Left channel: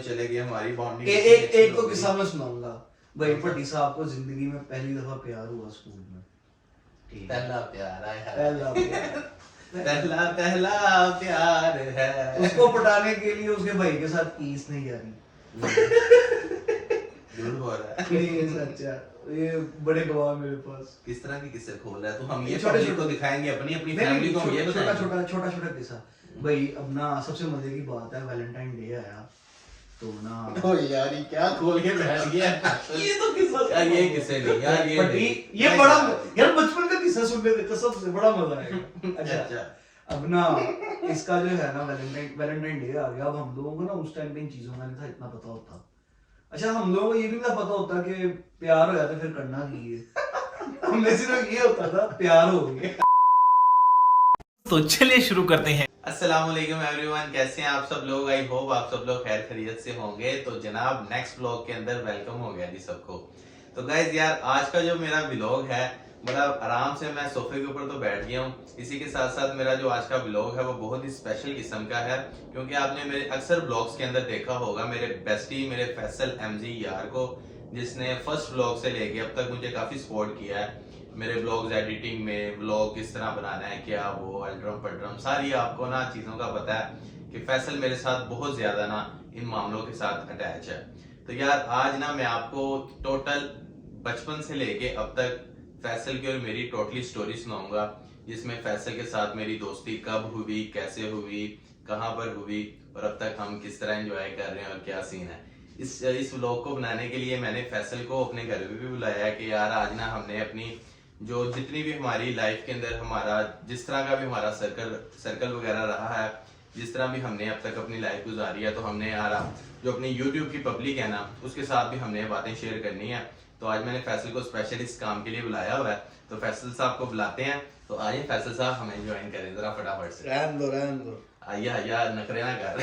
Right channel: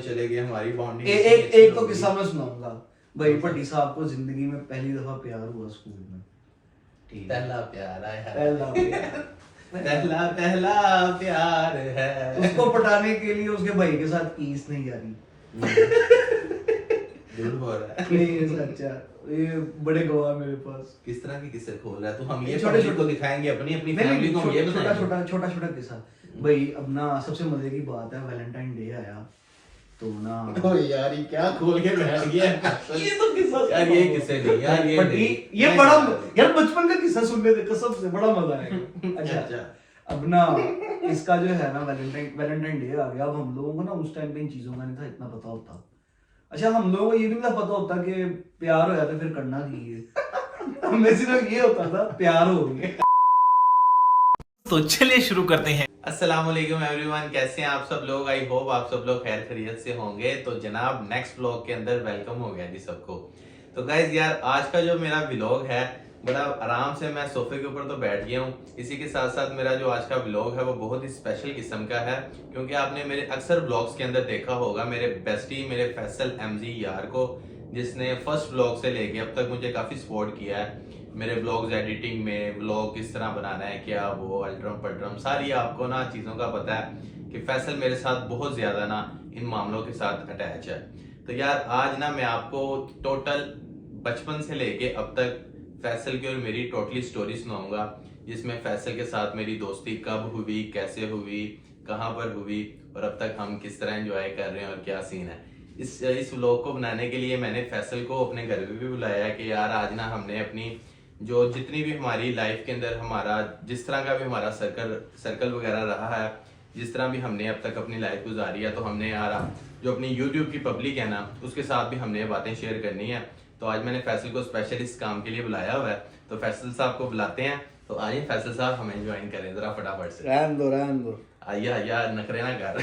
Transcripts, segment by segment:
चले गए हमारी बॉन्डिंग। एक तो किस्सा मैं सुनाऊंगा भाई। भट्टी साहब को जिंदगी में पहली दफा प्यार हुआ स्कूल में। पहला प्यार आया है, पहला प्यार पहला प्यार है। उसको पटाने के लिए उसके भाई के साथ कीस नहीं आ रही। झूठ बोल रहा है। नहीं ये सच्चा, ये बड़े गवाह मेरे पास। किस तरह के किस्से खोल रहा है तू? हम ये छोटे पब्लिक को दिखाएंगे, अपनी अपनी फैमिली को ये बताएंगे। छोटा किस्सा भाई। अब ना सबसे मजे की बात है, वैलेंटाइन डे आया तो ना ओ यार ये क्या खोल के बैठ गया। ये तो किस्सा यार ये किस्से नहीं यार, ये बड़ा यार बचपन का किस्सा सुनने कसम से बड़ा मजा आएगा। अच्छा अब ना इसका जो है ना वैलेंटाइन डे आ गया। अब हम लोगों को ना उस टाइम पे इन चीजों का नहीं था इतना पता होता। अच्छा हम लोगों को ये भी नहीं पता होता कि प्यार हो जाता फिर करना चाहिए। हमें सिर्फ ये होता था प्यार हो गया। तो चलिए शुरू करते हैं। अस्सलाम वालेकुम एवरीवन, कैसे हैं आप सब लोग? आई होप आप सब लोग खैर खैरियत से होंगे। तो जनाब नेक्स्ट व्लॉग के अंदर वेलकम हो गया जी सबको। तो गाइज यार आज का जो मेरा व्लॉग है बड़ा आराम से मैं सोफे के ऊपर तो बैठ गया हूँ। इसी के साथ साथ मेरा जो आज का व्लॉग है वो बहुत ही स्पेशल किस्म का है, क्योंकि आपने मेरे अक्सर व्लॉग्स के अंदर देखा होगा मेरे बेस्टी मेरे फैसल एमजी यार को, जिसने फर्स्ट व्लॉग से लेके अब तक मुझे काफी सपोर्ट किया है मेरे व्लॉग्स एडिटिंग में। व्लॉग किस तरह बनाना है, क्या वो अल्ट्रम पल्ट्रम सारी आपको ना चीज़ों का पता है कि फैसल मेरे साथ बहुत ज़्यादा ना इन मामलों के साथ अटैच है। तो यार आज ना मैं आपको टोटल बचपन से लेके अब तक फैसल की और मेरी टोटली स्टोरी सुनाऊंगा, जिसमें फैसल के साथ मेरी दोस्ती कब हुई, कैसे हुई, कहाँ पर हुई और अब तक हम किस तरह एंजॉय कर रहे हैं और क्या सीन है। इस व्लॉग को बनाने के लिए मैंने फैसल को अपने घर पे भी बुलाया कि यार आज ना हमने अपनी जो जितनी भी हमारी लाइफ के अंदर हमारा जिस तरह का भी हमारा सर्कल वगैरह रहा है, जिस तरह भी हमने अब तक अपनी लाइफ गुजारी है, तो हमने यार जो अपनी YouTube की पब्लिक है ना उसके साथ भी हमने बातें शेयर करनी है। तो आज मैंने फैसल को स्पेशल इस काम के लिए बुलाया हुआ है। तो फैसल साहब को बुलाते हैं। तो आइए फैसल साहब हमें ज्वाइन करें जरा फटाफट से। रहन दो आइए यार नखरे ना कर।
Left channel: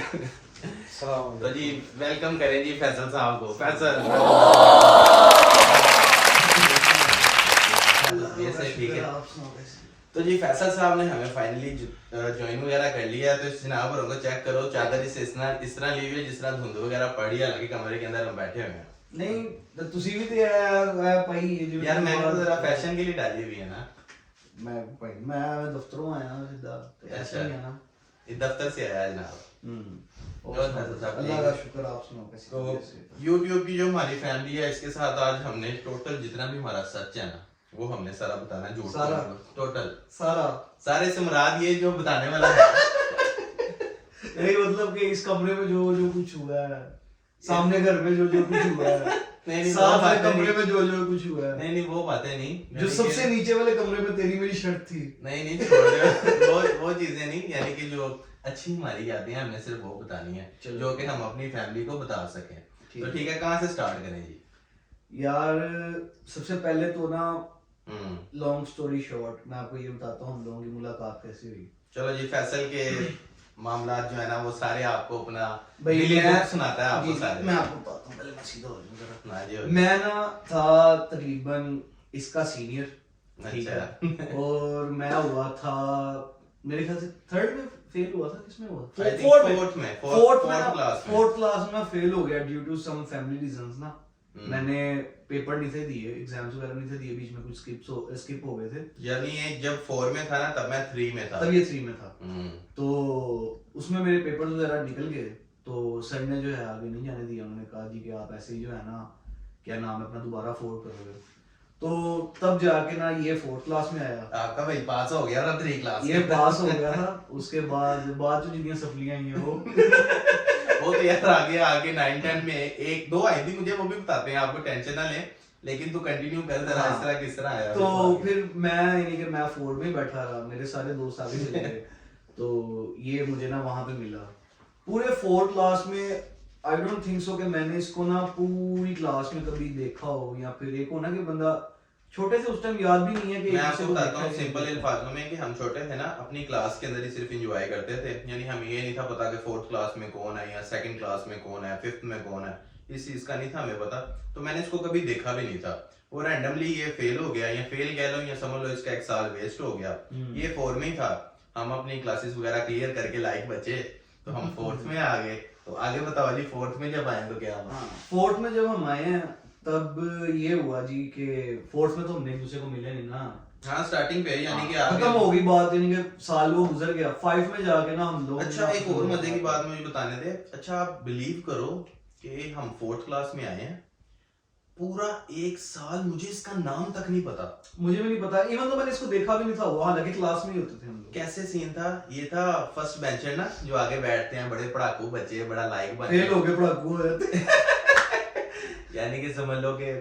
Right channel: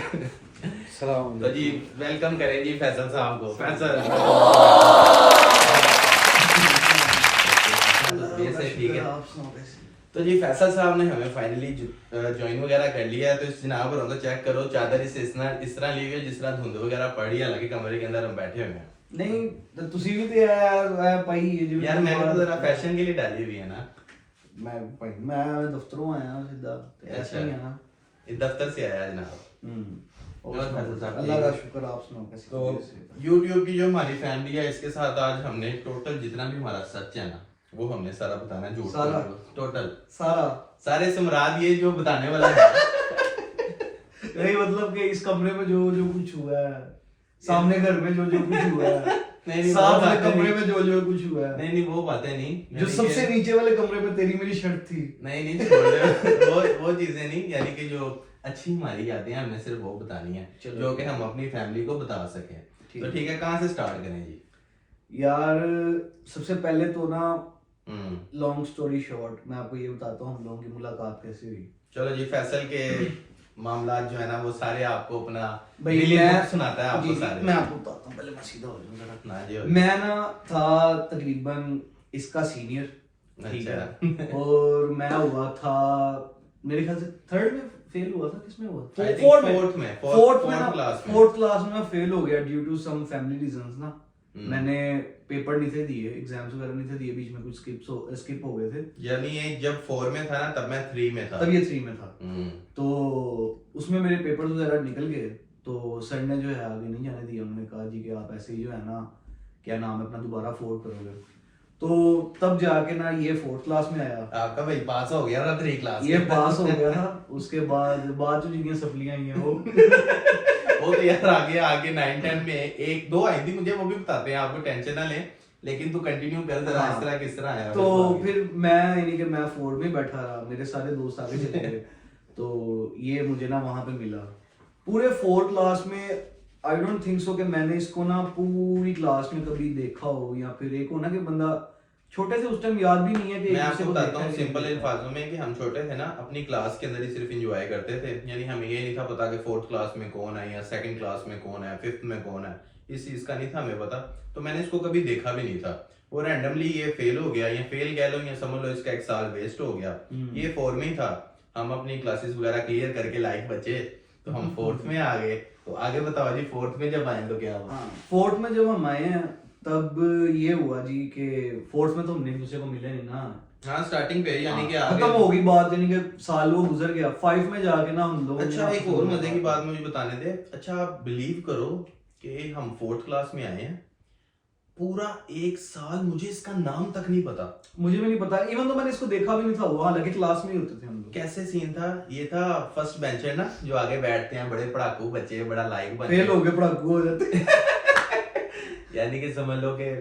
सलाम तो जी वेलकम करें जी फैसल साहब को। फैसल ठीक है। तो जी फैसल साहब ने हमें फाइनली ज्वाइन वगैरह कर लिया है। तो इस जनाब को चेक करो, चादर इस तरह ली हुई है जिस तरह धुंध वगैरह पड़ी है, हालांकि कमरे के अंदर हम बैठे हुए हैं। नहीं तो तुसी भी तो यार भाई यार मैंने तो जरा फैशन के लिए डाली हुई है ना। मैं दफ्तरों आया सीधा ऐसे ही है ना। इस दफ्तर से आया जनाब। और फैसल साहब अल्लाह का शुक्र, आप सुनाओ कैसे? तो YouTube की जो हमारी फैमिली है इसके साथ आज हमने टोटल जितना भी हमारा सच है ना वो हमने सारा बताना, झूठ सारा टोटल सारे से मुराद ये जो बताने वाला है। नहीं मतलब कि इस कमरे में जो कुछ हुआ है, सामने घर में जो कुछ हुआ है, नहीं सामने कमरे में जो कुछ हुआ है, नहीं वो बातें नहीं, जो सबसे नीचे वाले कमरे में तेरी मेरी शर्ट थी, नहीं छोड़ दे वो चीजें नहीं, यानी कि जो अच्छी हमारी यादें हैं हमने सिर्फ वो बतानी है जो कि हम अपनी फैमिली को बता सकें। तो ठीक है, कहाँ से स्टार्ट करें जी? यार सबसे पहले तो ना लॉन्ग स्टोरी शॉर्ट मैं आपको ये बताता हूँ हम लोगों की मुलाकात कैसे हुई। चलो जी, फैसल के मामला जो है ना वो सारे आपको अपना मैं सुनाता है आपको सारे। मैं आपको बताता हूँ, पहले मैं सीधा हो जाऊँ। जी मैं ना था तकरीबन इसका सीनियर, ठीक है, और मैं हुआ था मेरे ख्याल से थर्ड में फेल हुआ था। किसमें हुआ? फोर्थ क्लास में फेल हो गया due to some family reasons ना। मैंने पेपर नहीं थे दिए, एग्जाम्स वगैरह नहीं थे दिए, बीच में कुछ स्किप हो गए थे। यानी ये जब 4 में था ना तब मैं 3 में था, तब ये 3 में था। तो उसमें मेरे पेपर्स वगैरह निकल गए, तो सर ने जो है आगे नहीं जाने दिया। उन्होंने कहा जी कि आप ऐसे ही जो है ना क्या नाम है अपना दोबारा फोर्थ करोगे। तो तब जाके ना ये 4th क्लास में आया। आपका भाई पास हो गया था 3 क्लास, ये पास हो गया था। उसके बाद जो जितनी सप्लियां आई हैं वो तो यार आगे 9-10 में 1-2 आई थी, मुझे वो भी बताते हैं, आपको टेंशन ना लें, लेकिन तू कंटिन्यू कर जरा। इस तरह किस तरह आया? तो फिर मैं यानी कि मैं 4 में बैठा रहा, मेरे सारे दोस्त आगे चले गए। तो ये मुझे ना वहां पे मिला पूरे 4th क्लास में। आई डोंट थिंक सो कि मैंने इसको ना पूरी क्लास में कभी देखा हो, या फिर एक हो ना कि बंदा छोटे से उस टाइम याद भी नहीं है कि मैं आपको बताता हूँ सिंपल अल्फाजों में कि हम छोटे थे ना अपनी क्लास के अंदर ही सिर्फ एंजॉय करते थे। यानी हमें ये नहीं था पता कि 4th क्लास में कौन है या 2nd क्लास में कौन है, 5th में कौन है, इस चीज का नहीं था हमें पता। तो मैंने इसको कभी देखा भी नहीं था। वो रैंडमली ये फेल हो गया, या फेल कह लो या समझ लो इसका 1 साल वेस्ट हो गया। ये 4 में ही था, हम अपनी क्लासेस वगैरह क्लियर करके लाइक बचे, तो हम 4th में आ गए। तो आगे बताओ जी, फोर्थ में जब आए तो क्या हुआ? हाँ, फोर्थ में जब हम आए हैं तब ये हुआ जी कि फोर्थ में तो हमने एक दूसरे को मिले नहीं ना। हाँ स्टार्टिंग पे यानी कि खत्म आगे। हो गई बात, यानी कि साल वो गुजर गया। 5 में जाके ना हम लोग अच्छा एक और मजे की बात मुझे बताने दे। अच्छा आप बिलीव करो कि हम फोर्थ क्लास में आए हैं, पूरा एक साल मुझे इसका नाम तक नहीं पता। मुझे भी नहीं पता, इवन तो मैंने इसको देखा भी नहीं था, वो हालांकि क्लास में ही होते थे हम लोग। कैसे सीन था? ये था फर्स्ट बेंचर ना, जो आगे बैठते हैं, बड़े पढ़ाकू बच्चे, बड़ा लाइक बन फेल हो गए, पढ़ाकू हो जाते। यानी कि समझ लो कि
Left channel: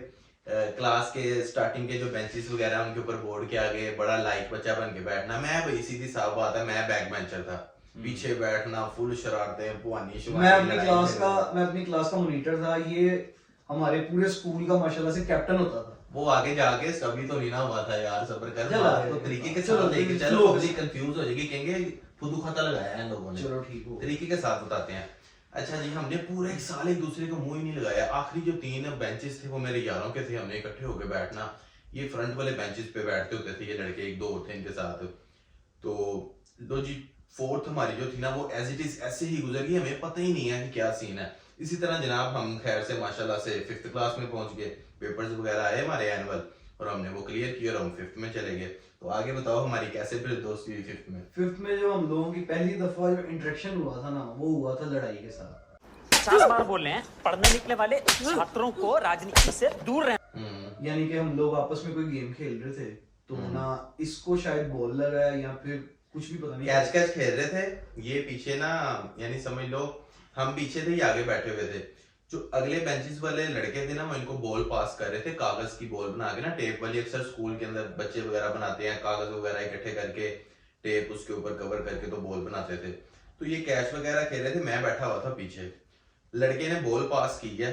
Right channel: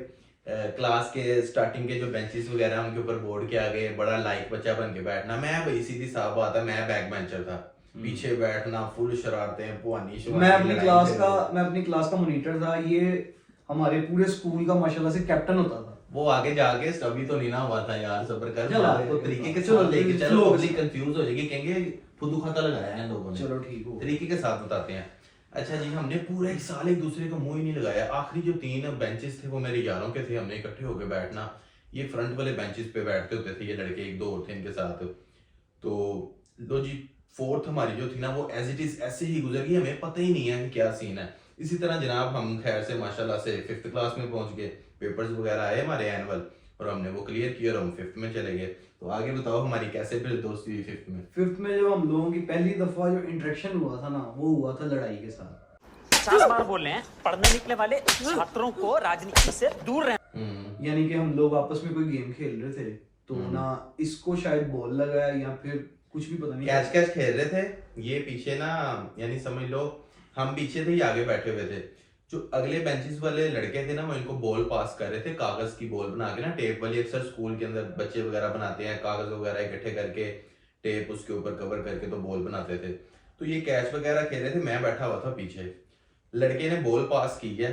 क्लास के स्टार्टिंग के जो बेंचेस वगैरह हैं उनके ऊपर बोर्ड के आगे बड़ा लाइक बच्चा बन के बैठना। मैं भाई सीधी साफ बात है, मैं बैक बेंचर था, पीछे बैठना, फुल शरारतें, पुआनी मैं अपनी क्लास का मॉनिटर था। ये हमारे पूरे स्कूल का माशाल्लाह से कैप्टन होता था। वो आगे जाके अभी तो नहीं ना हुआ था यार, सब्र कर, चलो, बात को तरीके के चलो, साथ लेके चलो, चलो। पब्लिक कंफ्यूज हो जाएगी, कहेंगे फुदू खाता लगाया है इन लोगों ने। चलो ठीक हो। तरीके के साथ बताते हैं। अच्छा जी, हमने पूरा एक साल एक दूसरे को मुंह ही नहीं लगाया। आखिरी जो 3 बेंचेस थे वो मेरे यारों के थे, हमने इकट्ठे होकर बैठना। ये फ्रंट वाले बेंचेस पे बैठते होते थे ये लड़के, एक दो और थे इनके साथ। तो लो जी, फोर्थ हमारी जो थी ना वो एज इट इज ऐसे ही गुजर गई, हमें पता ही नहीं है कि क्या सीन है। इसी तरह जनाब हम खैर से माशाल्लाह से 5th क्लास में पहुंच गए, पेपर्स वगैरह आए हमारे एनुअल, और हमने वो क्लियर किया और हम 5th में चले गए। तो आगे बताओ हमारी कैसे फिर दोस्ती हुई 5th में? 5th में जो हम लोगों की पहली दफा जो इंटरेक्शन हुआ था ना, वो हुआ था लड़ाई के साथ। 50 बार बोल रहे हैं, पढ़ने निकले वाले छात्रों को राजनीति से दूर रहना। यानी कि हम लोग आपस में कोई गेम खेल रहे थे, तो ना इसको शायद बॉल लगा या फिर कुछ भी पता नहीं, कैच कैच खेल रहे थे। ये पीछे ना, यानी समझ लो हम पीछे थे, ये आगे बैठे हुए थे। जो अगले बेंचेस वाले लड़के थे ना, वो इनको बॉल पास कर रहे थे, कागज की बॉल बना के ना, टेप वाली। अक्सर स्कूल के अंदर बच्चे वगैरह बनाते हैं, कागज वगैरह इकट्ठे करके टेप उसके ऊपर कवर करके तो बॉल बनाते थे। तो ये कैच वगैरह खेल रहे थे, मैं बैठा हुआ था पीछे। लड़के ने बॉल पास की है,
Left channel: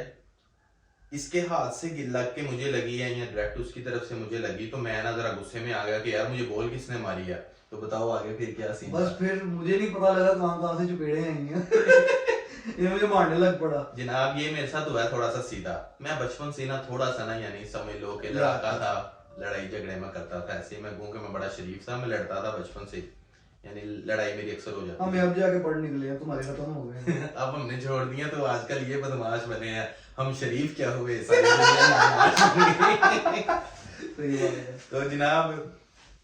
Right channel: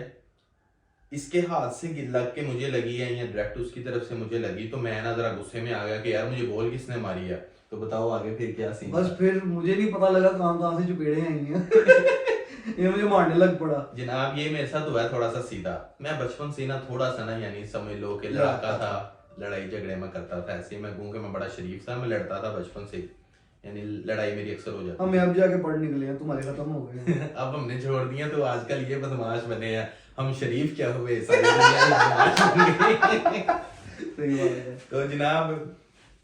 इसके हाथ से लग के मुझे लगी है या डायरेक्ट उसकी तरफ से मुझे लगी, तो मैं ना जरा गुस्से में आ गया कि यार मुझे बॉल किसने मारी है। तो बताओ आगे फिर क्या सीन? बस फिर मुझे नहीं पता लगा कहां से चपेड़े आई हैं। ये मुझे मारने लग पड़ा। जनाब ये मेरे साथ हुआ है थोड़ा सा सीधा। मैं बचपन से ना थोड़ा सा ना, यानी समझ लो कि लड़का था, लड़ाई झगड़े में करता था। ऐसे ही मैं कहूँ कि मैं बड़ा शरीफ था, मैं लड़ता था बचपन से, यानी लड़ाई मेरी अक्सर हो जाती। हम अब जाके पढ़ निकले हैं, तुम्हारे खत्म हो गए। अब हमने छोड़ दिया, तो आजकल ये बदमाश बने हैं। हम शरीफ क्या हुए, सारी दुनिया में बदमाश बन गई। सही बात है। तो जनाब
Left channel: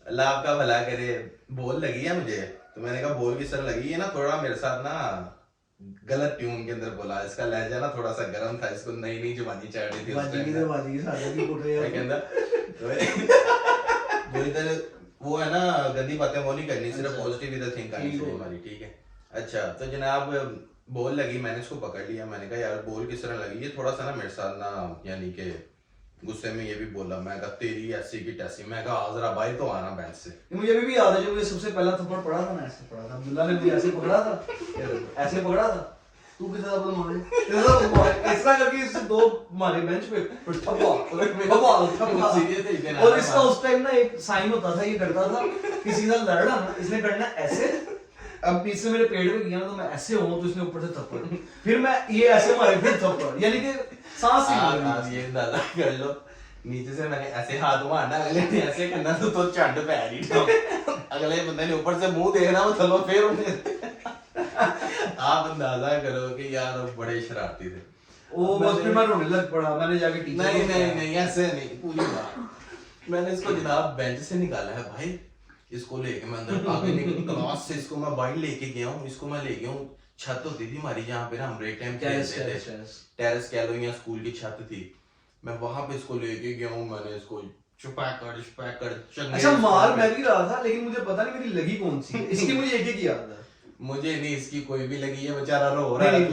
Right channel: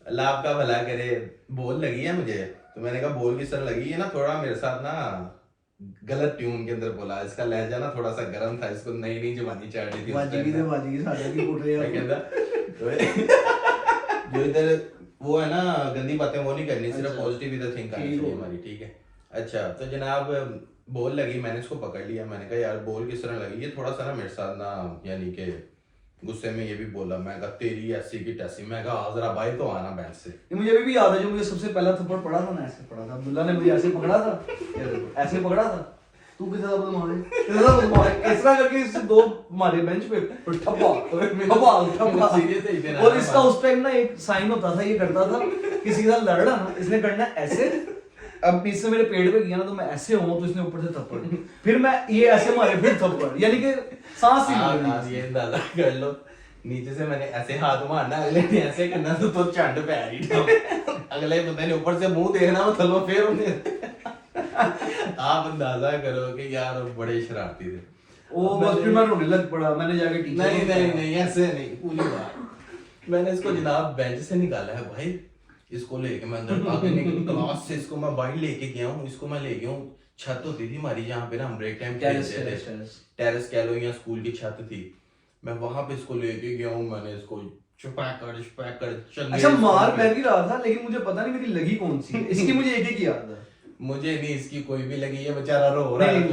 अल्लाह आपका भला करे, बॉल लगी है मुझे। तो मैंने कहा बॉल किस तरह लगी है ना, थोड़ा मेरे साथ ना गलत ट्यून के अंदर बोला, इसका लहजा ना थोड़ा सा गर्म था, इसको नई नई जवानी चढ़ रही थी उस बाजी टाइम। बाजी सारे की फुट रहे हैं। जो इधर वो है ना, गंदी बातें वो नहीं करनी, सिर्फ अच्छा। पॉजिटिव इधर थिंक करनी चाहिए हमारी, ठीक है। अच्छा तो जनाब बॉल लगी, मैंने इसको पकड़ लिया। मैंने कहा यार बॉल किस तरह लगी, ये थोड़ा सा ना मेरे साथ ना, यानी कि गुस्से में ये भी बोला। मैं कहा तेरी ऐसी की तैसी। मैं कहा जरा भाई तो आना बेंच से। ये मुझे अभी भी याद है, जो मुझे सबसे पहला थप्पड़ पड़ा था ना, ऐसे पड़ा था। अब्दुल्ला ने मुझे ऐसे पकड़ा था, ये देखो, ऐसे पकड़ा था। तू किस तरह बोला इस तरह करके इससे 2 मारे बेंच पे, और ठप्पा। और इसका उस टाइम ना एक साइन होता था, ये करता था किसी का लड़ रहा ना, इसने करना ऐसे। अब इससे मेरे पेड़ पे गया ना, तो मैं ऐसे हूँ, तो इसने ऊपर से थप्पड़, फिर मैं ये ऐसे मारे, फिर थप्पड़, यानी कि सांस ही नहीं लेनी। ये अंदाजा कर लो, नीचे से मैंने ऐसे हाथ मारना, अगले ने ऐसे करना, तो चंड पैर ही अगले बंदे ने ऊपर से मुंह देखना, वो थलो फिर उन्हें। आप अंदाजा करो कि यार वो बड़े शरारती थे। वो बस फिर मैं रोने लग पड़ा। मैंने जाके टीचर नहीं नहीं नहीं ऐसे नहीं, पूरी बात। मैंने इसको जनाब बेंच से निकाला है भाई, इसको लेके मैं अंदर आगे निकल क्लास से, इसको मैं बाहर लेके गया हूँ। इसको मैं ले गया हूँ, छत होती थी हमारी जहाँ पे ना हम ब्रेक टाइम खेलते थे, टेरेस कह लो या स्कूल की छत थी। मैं वहां पे इसको लेके गया हूँ, मैंने इसको छुपा कर अच्छा मार मैं भी रहा था, लेकिन मुझे पता नहीं मेरी लगी कौन सी है। इसकी मुझे एक ही याद है। मुझे नहीं इसकी कोई भी लगी है, बेचारा रो रहा है,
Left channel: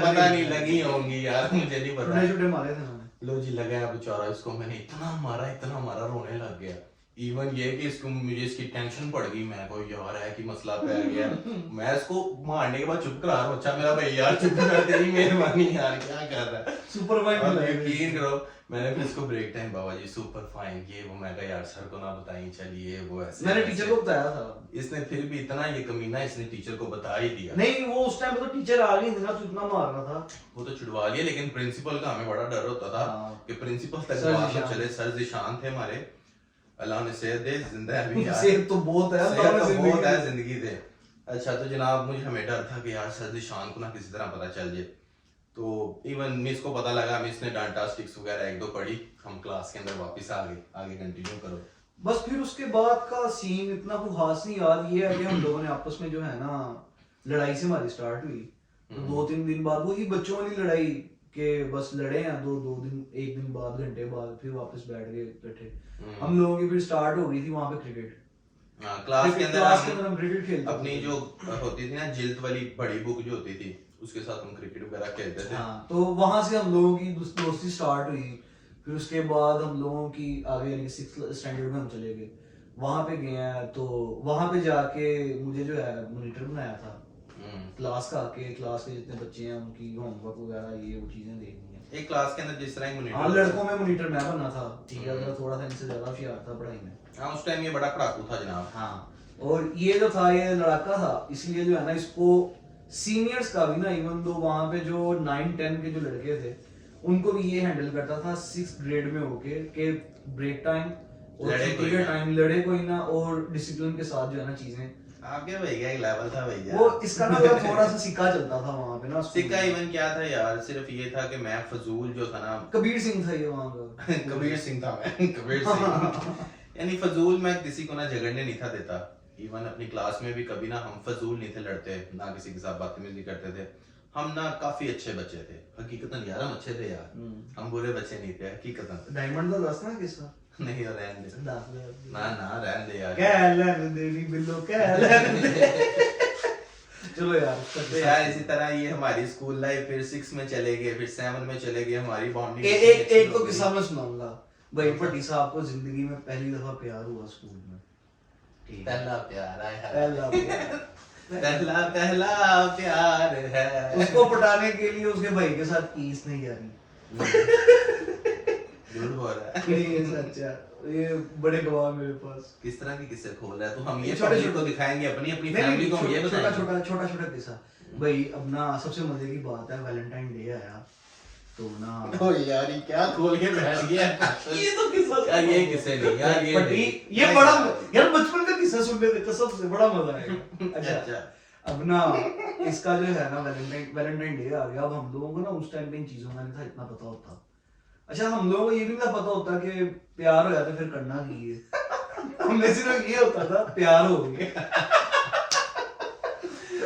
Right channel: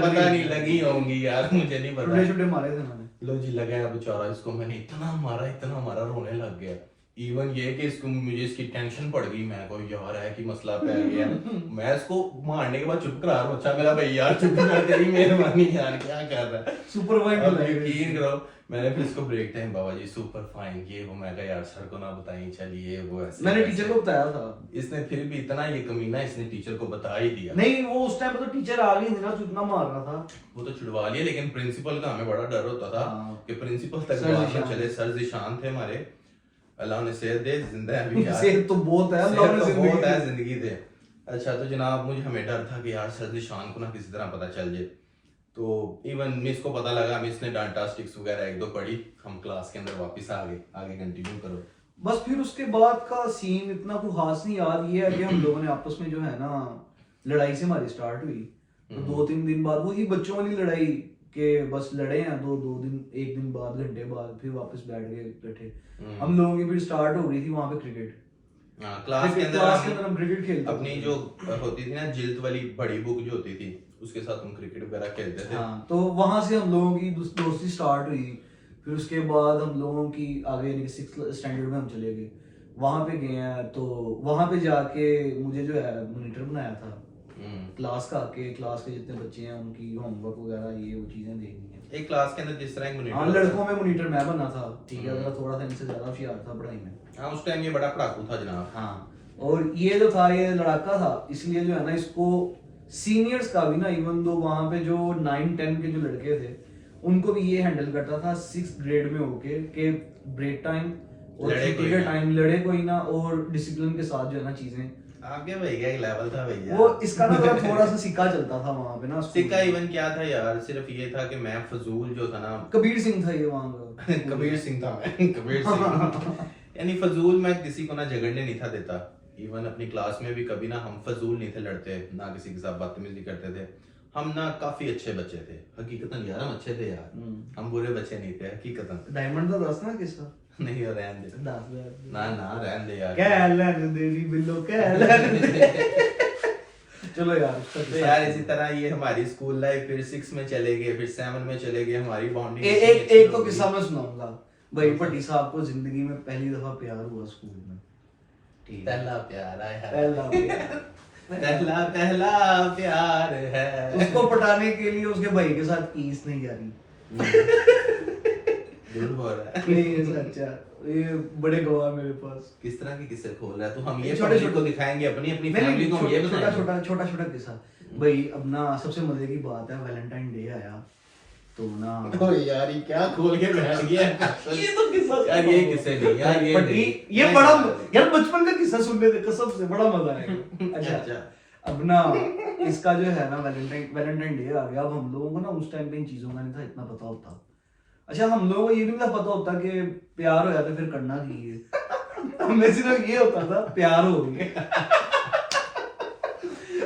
पता नहीं लगी होंगी यार, मुझे नहीं पता। छोटे छोटे मारे थे मैंने। लो जी लगा है बेचारा, इसको मैंने इतना मारा रोने लग गया। इवन ये कि इसको मुझे इसकी टेंशन पड़ गई, मैं को यार है कि मसला पै गया। मैं इसको मारने के बाद चुप करा रहा हूं, अच्छा मेरा भाई यार चुप कर, तेरी मेहरबानी यार, क्या कर रहा है। सुपर फाइन यकीन करो मैंने फिर इसको ब्रेक टाइम बाबा जी सुपर फाइन ये वो, मैं कहा यार सर को ना बताइए, चलिए वो ऐसे मैंने टीचर को बताया था। इसने फिर भी इतना ये कमीना, इसने टीचर को बता ही दिया। नहीं वो उस टाइम पे तो टीचर आ गई थी ना, तो इतना मार रहा था। वो तो छुड़वा लिया, लेकिन प्रिंसिपल का हमें बड़ा डर होता था कि प्रिंसिपल तक सर बात जिशान। न चले। सर जिशान थे हमारे, अल्लाह ने सेहत दे, जिंदा है अभी यार। सेहत तो बहुत है, सेहत तो बहुत है, जिंदगी दे। अच्छा तो जनाब मुझे हमें डर था कि यार सर शान को ना किसी तरह पता चल जाए, तो इवन मिस को पता लगा, मिस ने डांटा, स्टिक्स वगैरह एक दो पढ़ी, हम क्लास के अंदर वापस आ गए। आगे कंटिन्यू करो। बस फिर उसके बाद का सीन इतना कुछ खास नहीं याद, ये है कि हम लोगों ने आपस में जो है ना लड़ाई से हमारी स्टार्ट हुई, तो 2-3 दिन बाद वही बच्चों वाली लड़ाई के बस लड़े हैं, दो दिन, एक दिन बाद, घंटे बाद फिर वापस बैठ गए इकट्ठे। हम लोगों की फिर स्टार्ट हो गई थी वहां पे क्रिकेट। क्लास के अंदर हम क्रिकेट खेलते अपनी जो होती थी ना जिल्द वाली बड़ी बुक जो होती थी, उसके साथ हम क्रिकेट वगैरह खेलते थे। हाँ, तो वहां से हम लोगों की दोस्ती स्टार्ट हुई। फिर उसके बाद हम लोगों की आगे यानी 6th स्टैंडर्ड में हम चले गए, वहां पे गए हैं, तो वहां पे जाके मुझे जो है मॉनिटर बनाया था क्लास का, के क्लास के जितने बच्चे हैं उनकी होमवर्क वगैरह ये वो चीजें देखनी है एक क्लास के अंदर जिस तरह मॉनिटर। हाँ, लड़कों में मॉनिटर मैं बना था, ठीक है, थोड़ा सा इनसे ज्यादा होशियार था पढ़ाई में। हाँ उस टाइम ये बड़ा पढ़ाकू था जनाब। हाँ, और ये जो था ये लड़का था, इसलिए जो है ना इसको सीनियर्स का भी ना, इवन दो वहां पे जो 9-10 के जो लड़के थे उनको भी ये हैंडल करता था 6th ग्रेड में होके के ब्रेक टाइम और लड़े छुट्टी कोई के ना। टाइम लड़े कोई ना, और डिसिप्लिन के साथ जो है ना चीजें आगे भैया एक लेवल था भैया। वो इसका ना थोड़ा सा सिक्का चलता था वहां पे ना स्कूल सिक्का में। इवन क्या था यार, सिर्फ ये था कि मैं फजूल जो था ना कबीर सिंह था ये वहां का कबीर सिंह था मैं कबीर सिंह यानी फजूल मैं किसी को ना झगड़ने नहीं था देता। इवन अपनी क्लास में भी कभी ना हम फजूल नहीं थे लड़ते, ना किसी के साथ बदतमीजी करते थे। हम ना काफी अच्छे बच्चे थे हकीकतन यार, हम अच्छे थे यार, हम बुरे बच्चे नहीं थे हकीकतन। डायमंड तो दस ना किस्सा नहीं हो रहने दे, ना ना रहने दे यार, क्या रहने दे नी बिल्लो, क्या रहने दे। चलो यार उसका तो किस्सा यार इसी तरह ये हमारी स्कूल लाइफ, फिर 6 में चले गए, फिर 7 में चले गए, हमारी बॉन्डिंग एक तो किस्सा मैं सुनाऊंगा भाई। भट्टी साहब को जिंदगी में पहली दफा प्यार हुआ स्कूल में, ठीक है, पहला प्यार आया है, पहला प्यार। पहला प्यार है। उसको पटाने के लिए उसके भाई के साथ कीस नहीं जा रही। झूठ बोल रहा है। नहीं ये सच्चा, ये बड़े गवाह मेरे पास। किस तरह के किस्से खोल रहा है, तो हम ये छोटे पब्लिक को दिखाएंगे, अपनी अपनी फैमिली को हम ये छोटा बताएंगे। छोटा किस्सा भाई। अब ना सबसे मजे की बात है, वैलेंटाइन डे आया तो ना ओ यार ये क्या खोल के बैठ गया ये तो किस्सा यार, ये किस्से नहीं यार, ये बड़ी नहीं। ये बड़ा यार बचपन का किस्सा सुनने में कसम से बड़ा मजा आएगा। अच्छा अब ना इसका जो है ना वैलेंटाइन डे आ गया। अब हम लोगों को ना उस टाइम पे इन चीजों का नहीं था इतना पता होता। अच्छा, हम लोगों को ये भी नहीं पता होता कि प्यार हो जाता फिर करना की है। हमें सिर्फ ये होता था प्यार हो गया।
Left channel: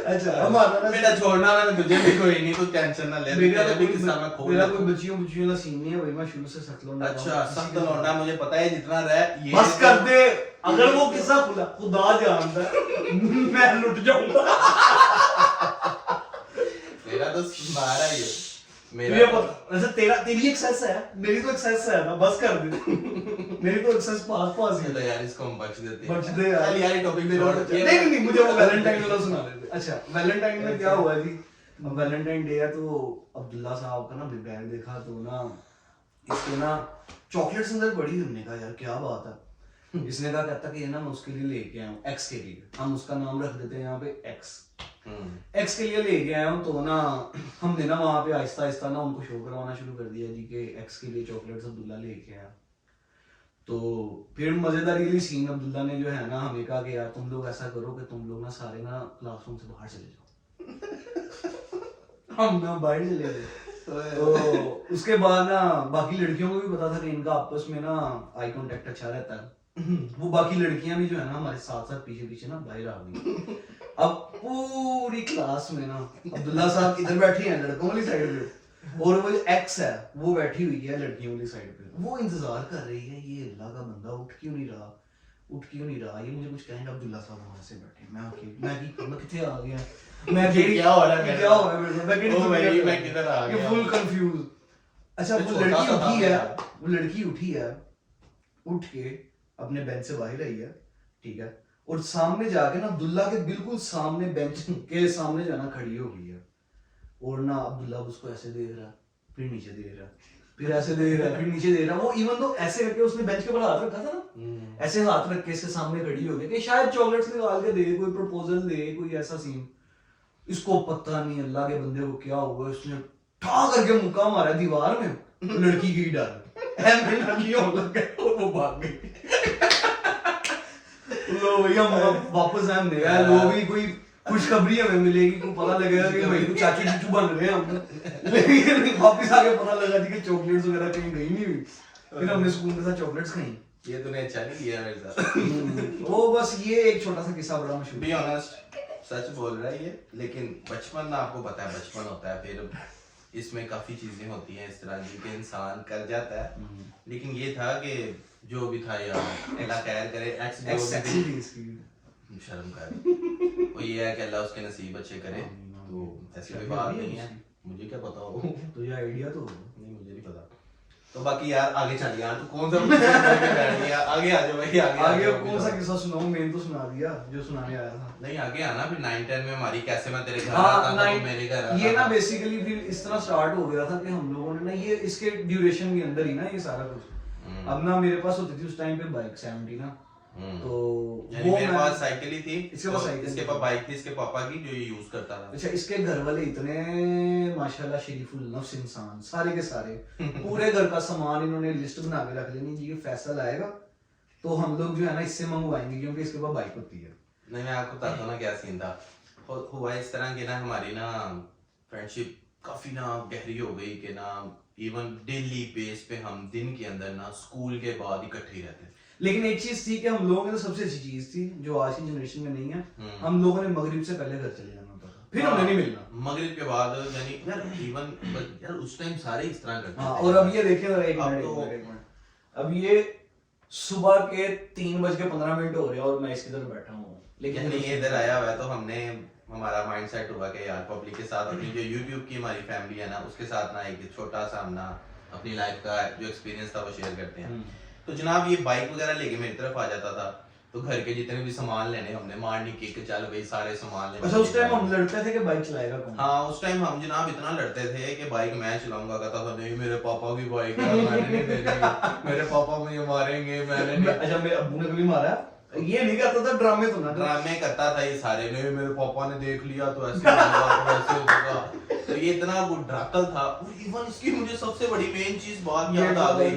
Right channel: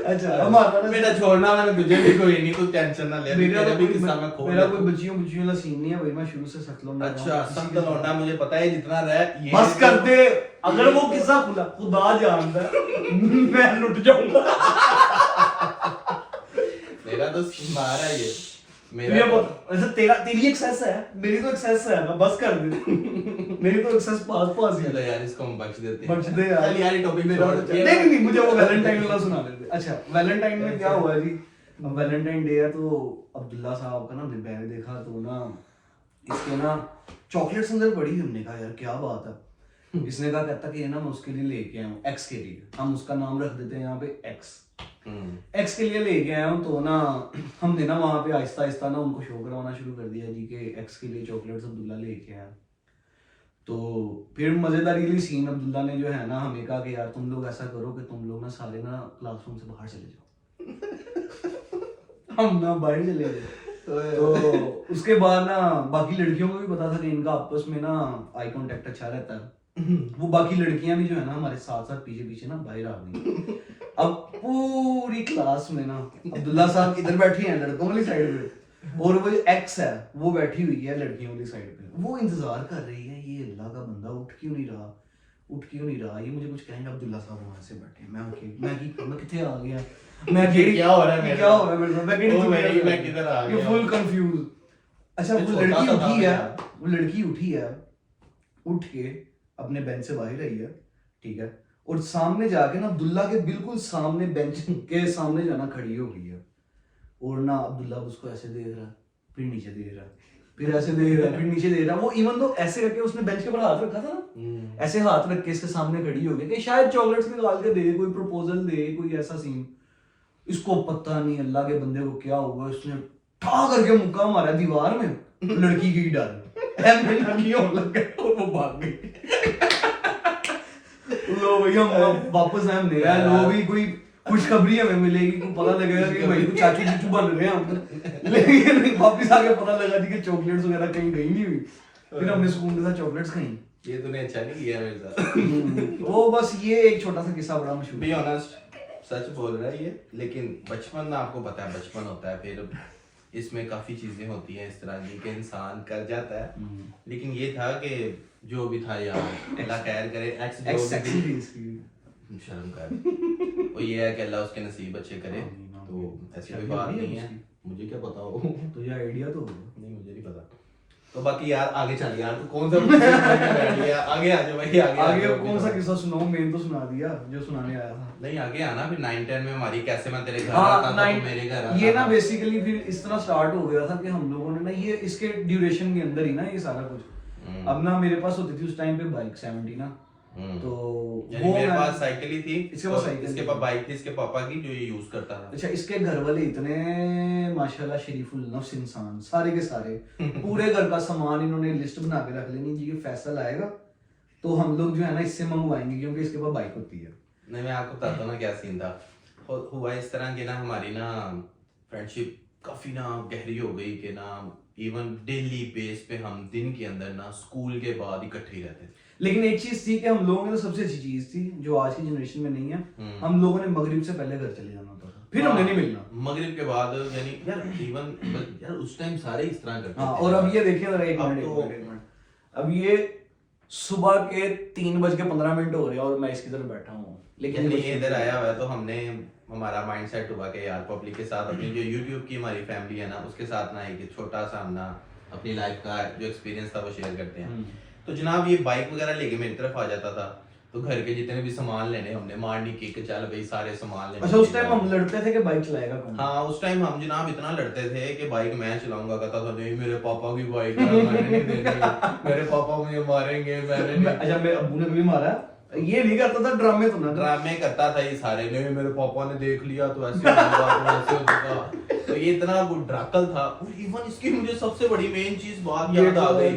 अच्छा, हमारा ना बेटा छोड़ना, मैंने तुझे भी कोई नहीं, तू टेंशन ना ले, मेरा तेरा भी किस्सा मैं खोल मेरा लेता कोई हूँ। बच्चियों वाला सीन नहीं है भाई, मैं शुरू से सख्त लौंडा। अच्छा सख्त लौंडा, मुझे पता है जितना रहा ये बस कर दे, अगर वो किस्सा खुदा जानता है मैं लुट जाऊंगा। मेरा तो मारा ये मेरा वैसे तेरी एक्सेस है, मेरी तो एक्सेस है, मैं बस कर दे। मेरी तो एक्सेस पास ही चलो है। यार इसको हम बख्श देते हैं। बख्श दे यार। चल यार ये टॉपिक मेरा छोड़। नहीं मुझे वो वैलेंटाइन वाला सुना दे। अच्छा, वैलेंटाइन में क्या हुआ जी, वैलेंटाइन डे है तो अब्दुल्ला साहब का ना बैग देखा तो ना इसके ना चॉकलेट्स अंदर पड़ी। हमने कहा यार क्या बात है। इसने कहा कहता कि ये ना मैं उसके लिए लेके आया हूँ, एक्स के लिए, हम उसका नाम रख देते हैं यहाँ पे एक्स के लिए लेके आया हूँ। तो ना हमने ना वहाँ पे आहिस्ता आहिस्ता ना उनको शो करवाना शुरू कर दिया जी कि एक्स के लिए चॉकलेट्स अब्दुल्ला लेके आया। तो फिर मजेदार ये सीन, अब्दुल्ला ने जो है ना हमें कहा कि यार तुम लोग ऐसा करो कि तुम लोग ना सारे ना क्लासरूम से बाहर चले जाओ। हम ना बाहर चले गए। तो उसके बाद ना बाकी लड़कियों को भी पता था कि इनका आपस में ना आई कांटेक्ट अच्छा रहता है। वो बाकी लड़कियां भी जो है ना हमारे साथ साथ पीछे पीछे ना बाहर आ गई। अब पूरी क्लास में ना अब्दुल्ला साहब इधर बैठे हैं लड़कों वाली साइड पे, और वो जो एक्स है वो बैठी हुई है लड़कियों वाली साइड पे। वो इंतजार कर रही है ये अल्लाह का बंदा उठ क्यों नहीं रहा, ये मुझे कुछ कहेंगे। अब्दुल्ला साहब वहां से बैठे, मैं किथे आ गया, मैं क्या हो रहा है मेरे साथ? मेरे साथ, ओ भाई, मैं किधर आ गया? Full confuse. अच्छा, ये वो छोटा लड़की सा था उठी है, मेरा। वो लड़की उठी है, उठ के अपने बेंच से बाहर आई है, ठीक है, और सामने जाके ना अब्दुल्ला के बिल्कुल सामने बेंच के सामने जो है ना खड़ी हो गई है। और ना अब्दुल्ला उसको ऐसे देख रहा, फिर नीचे देख रहा, फिर ऐसे देख रहा, फिर नीचे देख रहा। वो इवन तो ऐसे करके उसने बेंच के ऊपर हाथ रखा था ना, ऐसे हाथ रख के इसके सामने खड़ी हो गई कि शायद चॉकलेट्स निकाल के दे, कोई प्रपोजल दे, कोई ऐसा सीन। इसको पता नहीं अल्लाह के बंदे को क्या हुआ, उसने ठा करके मुक्का मारा दीवार में, लड़की की डर लग गए और वो भाग गई। लो भैया वापस हम ले आए। लो भी कोई खुशखबरी हमें मिलेगी, को पता लगेगा कि भाई तो चाचू चूचू बन रहे हैं हम। लेकिन वापिस आके पता लगा कि चॉकलेट्स वगैरह कहीं गई नहीं हुई। फिर हमने स्कूल के साथ चॉकलेट्स खाई। ये तूने अच्छा नहीं किया मेरे साथ। वो बस ये एक छोटा सा किस्सा बड़ा मशहूर बी ऑनेस्ट, सच बोल रहा है ये, लेकिन बचपन में आपको पता है बचपन होता है, फिर इसमें काफी चीजें होती हैं इस तरह की कि इंसान कर जाता है। लेकिन ये था कि जो भी था यार, अल्लाह खैर करे, एक्स जो भी शर्म कर, वो ये है कि अल्लाह उसके नसीब अच्छे करे। तो ऐसी कोई बात नहीं है, मुझे क्या पता हो, तुझे आइडिया तो होगा। नहीं मुझे नहीं पता। तो बाकी यार आगे चल यार, तू कौन सा आगे आ जा भाई, आगे कौन सा किस्सा सुनाऊं? मैंने तो सुना दिया जो सुनाने आया था। नहीं आगे आना, फिर 9-10 में हमारी कैसे मैं तेरे घर हाँ, आता था तो मेरे घर आता ये ना था। बेसिकली फिर इस तरह स्टार्ट हो गया था कि हम लोगों ने ना ये इसके ड्यूरेशन के अंदर ही ना ये सारा कुछ। अब ना मेरे पास होती थी उस टाइम पे बाइक 70 ना, तो यानी वो मेरे मैं- पास साइकिल ही थी, इसके पास साइकिल इसके थी। पास बाइक थी इसके पापा की, जो ये यूज करता था। अच्छा, इसके घर वाले इतने माशाल्लाह शरीफुल नफ्स इंसान, सारे के सारे पूरे घर का सामान इन्होंने लिस्ट बना के रख लेनी जी, ये फैसल आएगा तो हम लोग जो है ना इससे मंगवाएंगे क्योंकि इसके पास बाइक होती है। नहीं मैं आपको बताता हूँ ना क्या सीन था। हुआ इस तरह की ना, हमारी ना फ्रेंडशिप काफी ना गहरी हो गई कि ना इवन डेली बेस पे हम दिन के अंदर ना स्कूल के बाद इकट्ठे ही रहते थे। लेकिन एक चीज थी कि हम लोगों में तो सबसे अच्छी चीज थी जो आज की जनरेशन में नहीं है, हम लोगों ने मगरिब से पहले घर चले जाना होता था, फिर हमने नहीं मिलना। मगरिब के बाद यानी यार इवन यार उस टाइम सारे इस तरह करते हाँ, थे। और अब ये देखिए जरा, एक अब मिनट, तो- एक मिनट। अब ये सुबह के 3:15 हो रहे हैं और मैं इसकी तरफ बैठा हूँ, लेकिन ये इधर आया हुआ है तो हमने हमारा माइंड सेट हुआ कि यार पब्लिक के साथ अपनी जो यूट्यूब की हमारी फैमिली है ना उसके साथ ना एक छोटा सा हम ना अपनी लाइफ का जो एक्सपीरियंस था वो शेयर करते हैं। तो जनाब ये बाइक वगैरह लेके मेरी तरफ आ जाता था, तो घर के जितने भी सामान लेने हमने मारनी की कि चल भाई सारे सामान लेने। अच्छा, उस टाइम हम लड़ते थे कि बाइक चलाएगा कौन? हाँ उस टाइम हम जनाब इतना लड़ते थे कि बाइक मैं चलाऊंगा, कहता था नहीं मेरे पापा की बाइक है मैंने नहीं देनी, मेरे पापा मुझे मारेंगे, मैंने नहीं। अच्छा, मेरे अब्बू ने कभी मारा? ये नहीं करता था, ड्रामे तो ना कर। ड्रामे करता था ये सारे, नहीं मेरे पापा ने देख लिया तो ऐसे होगा तो ऐसे होगा। तो ये इतना ड्राकल था। और इवन इसकी मुझे सबसे बड़ी मेन चीज बात याद आ गई,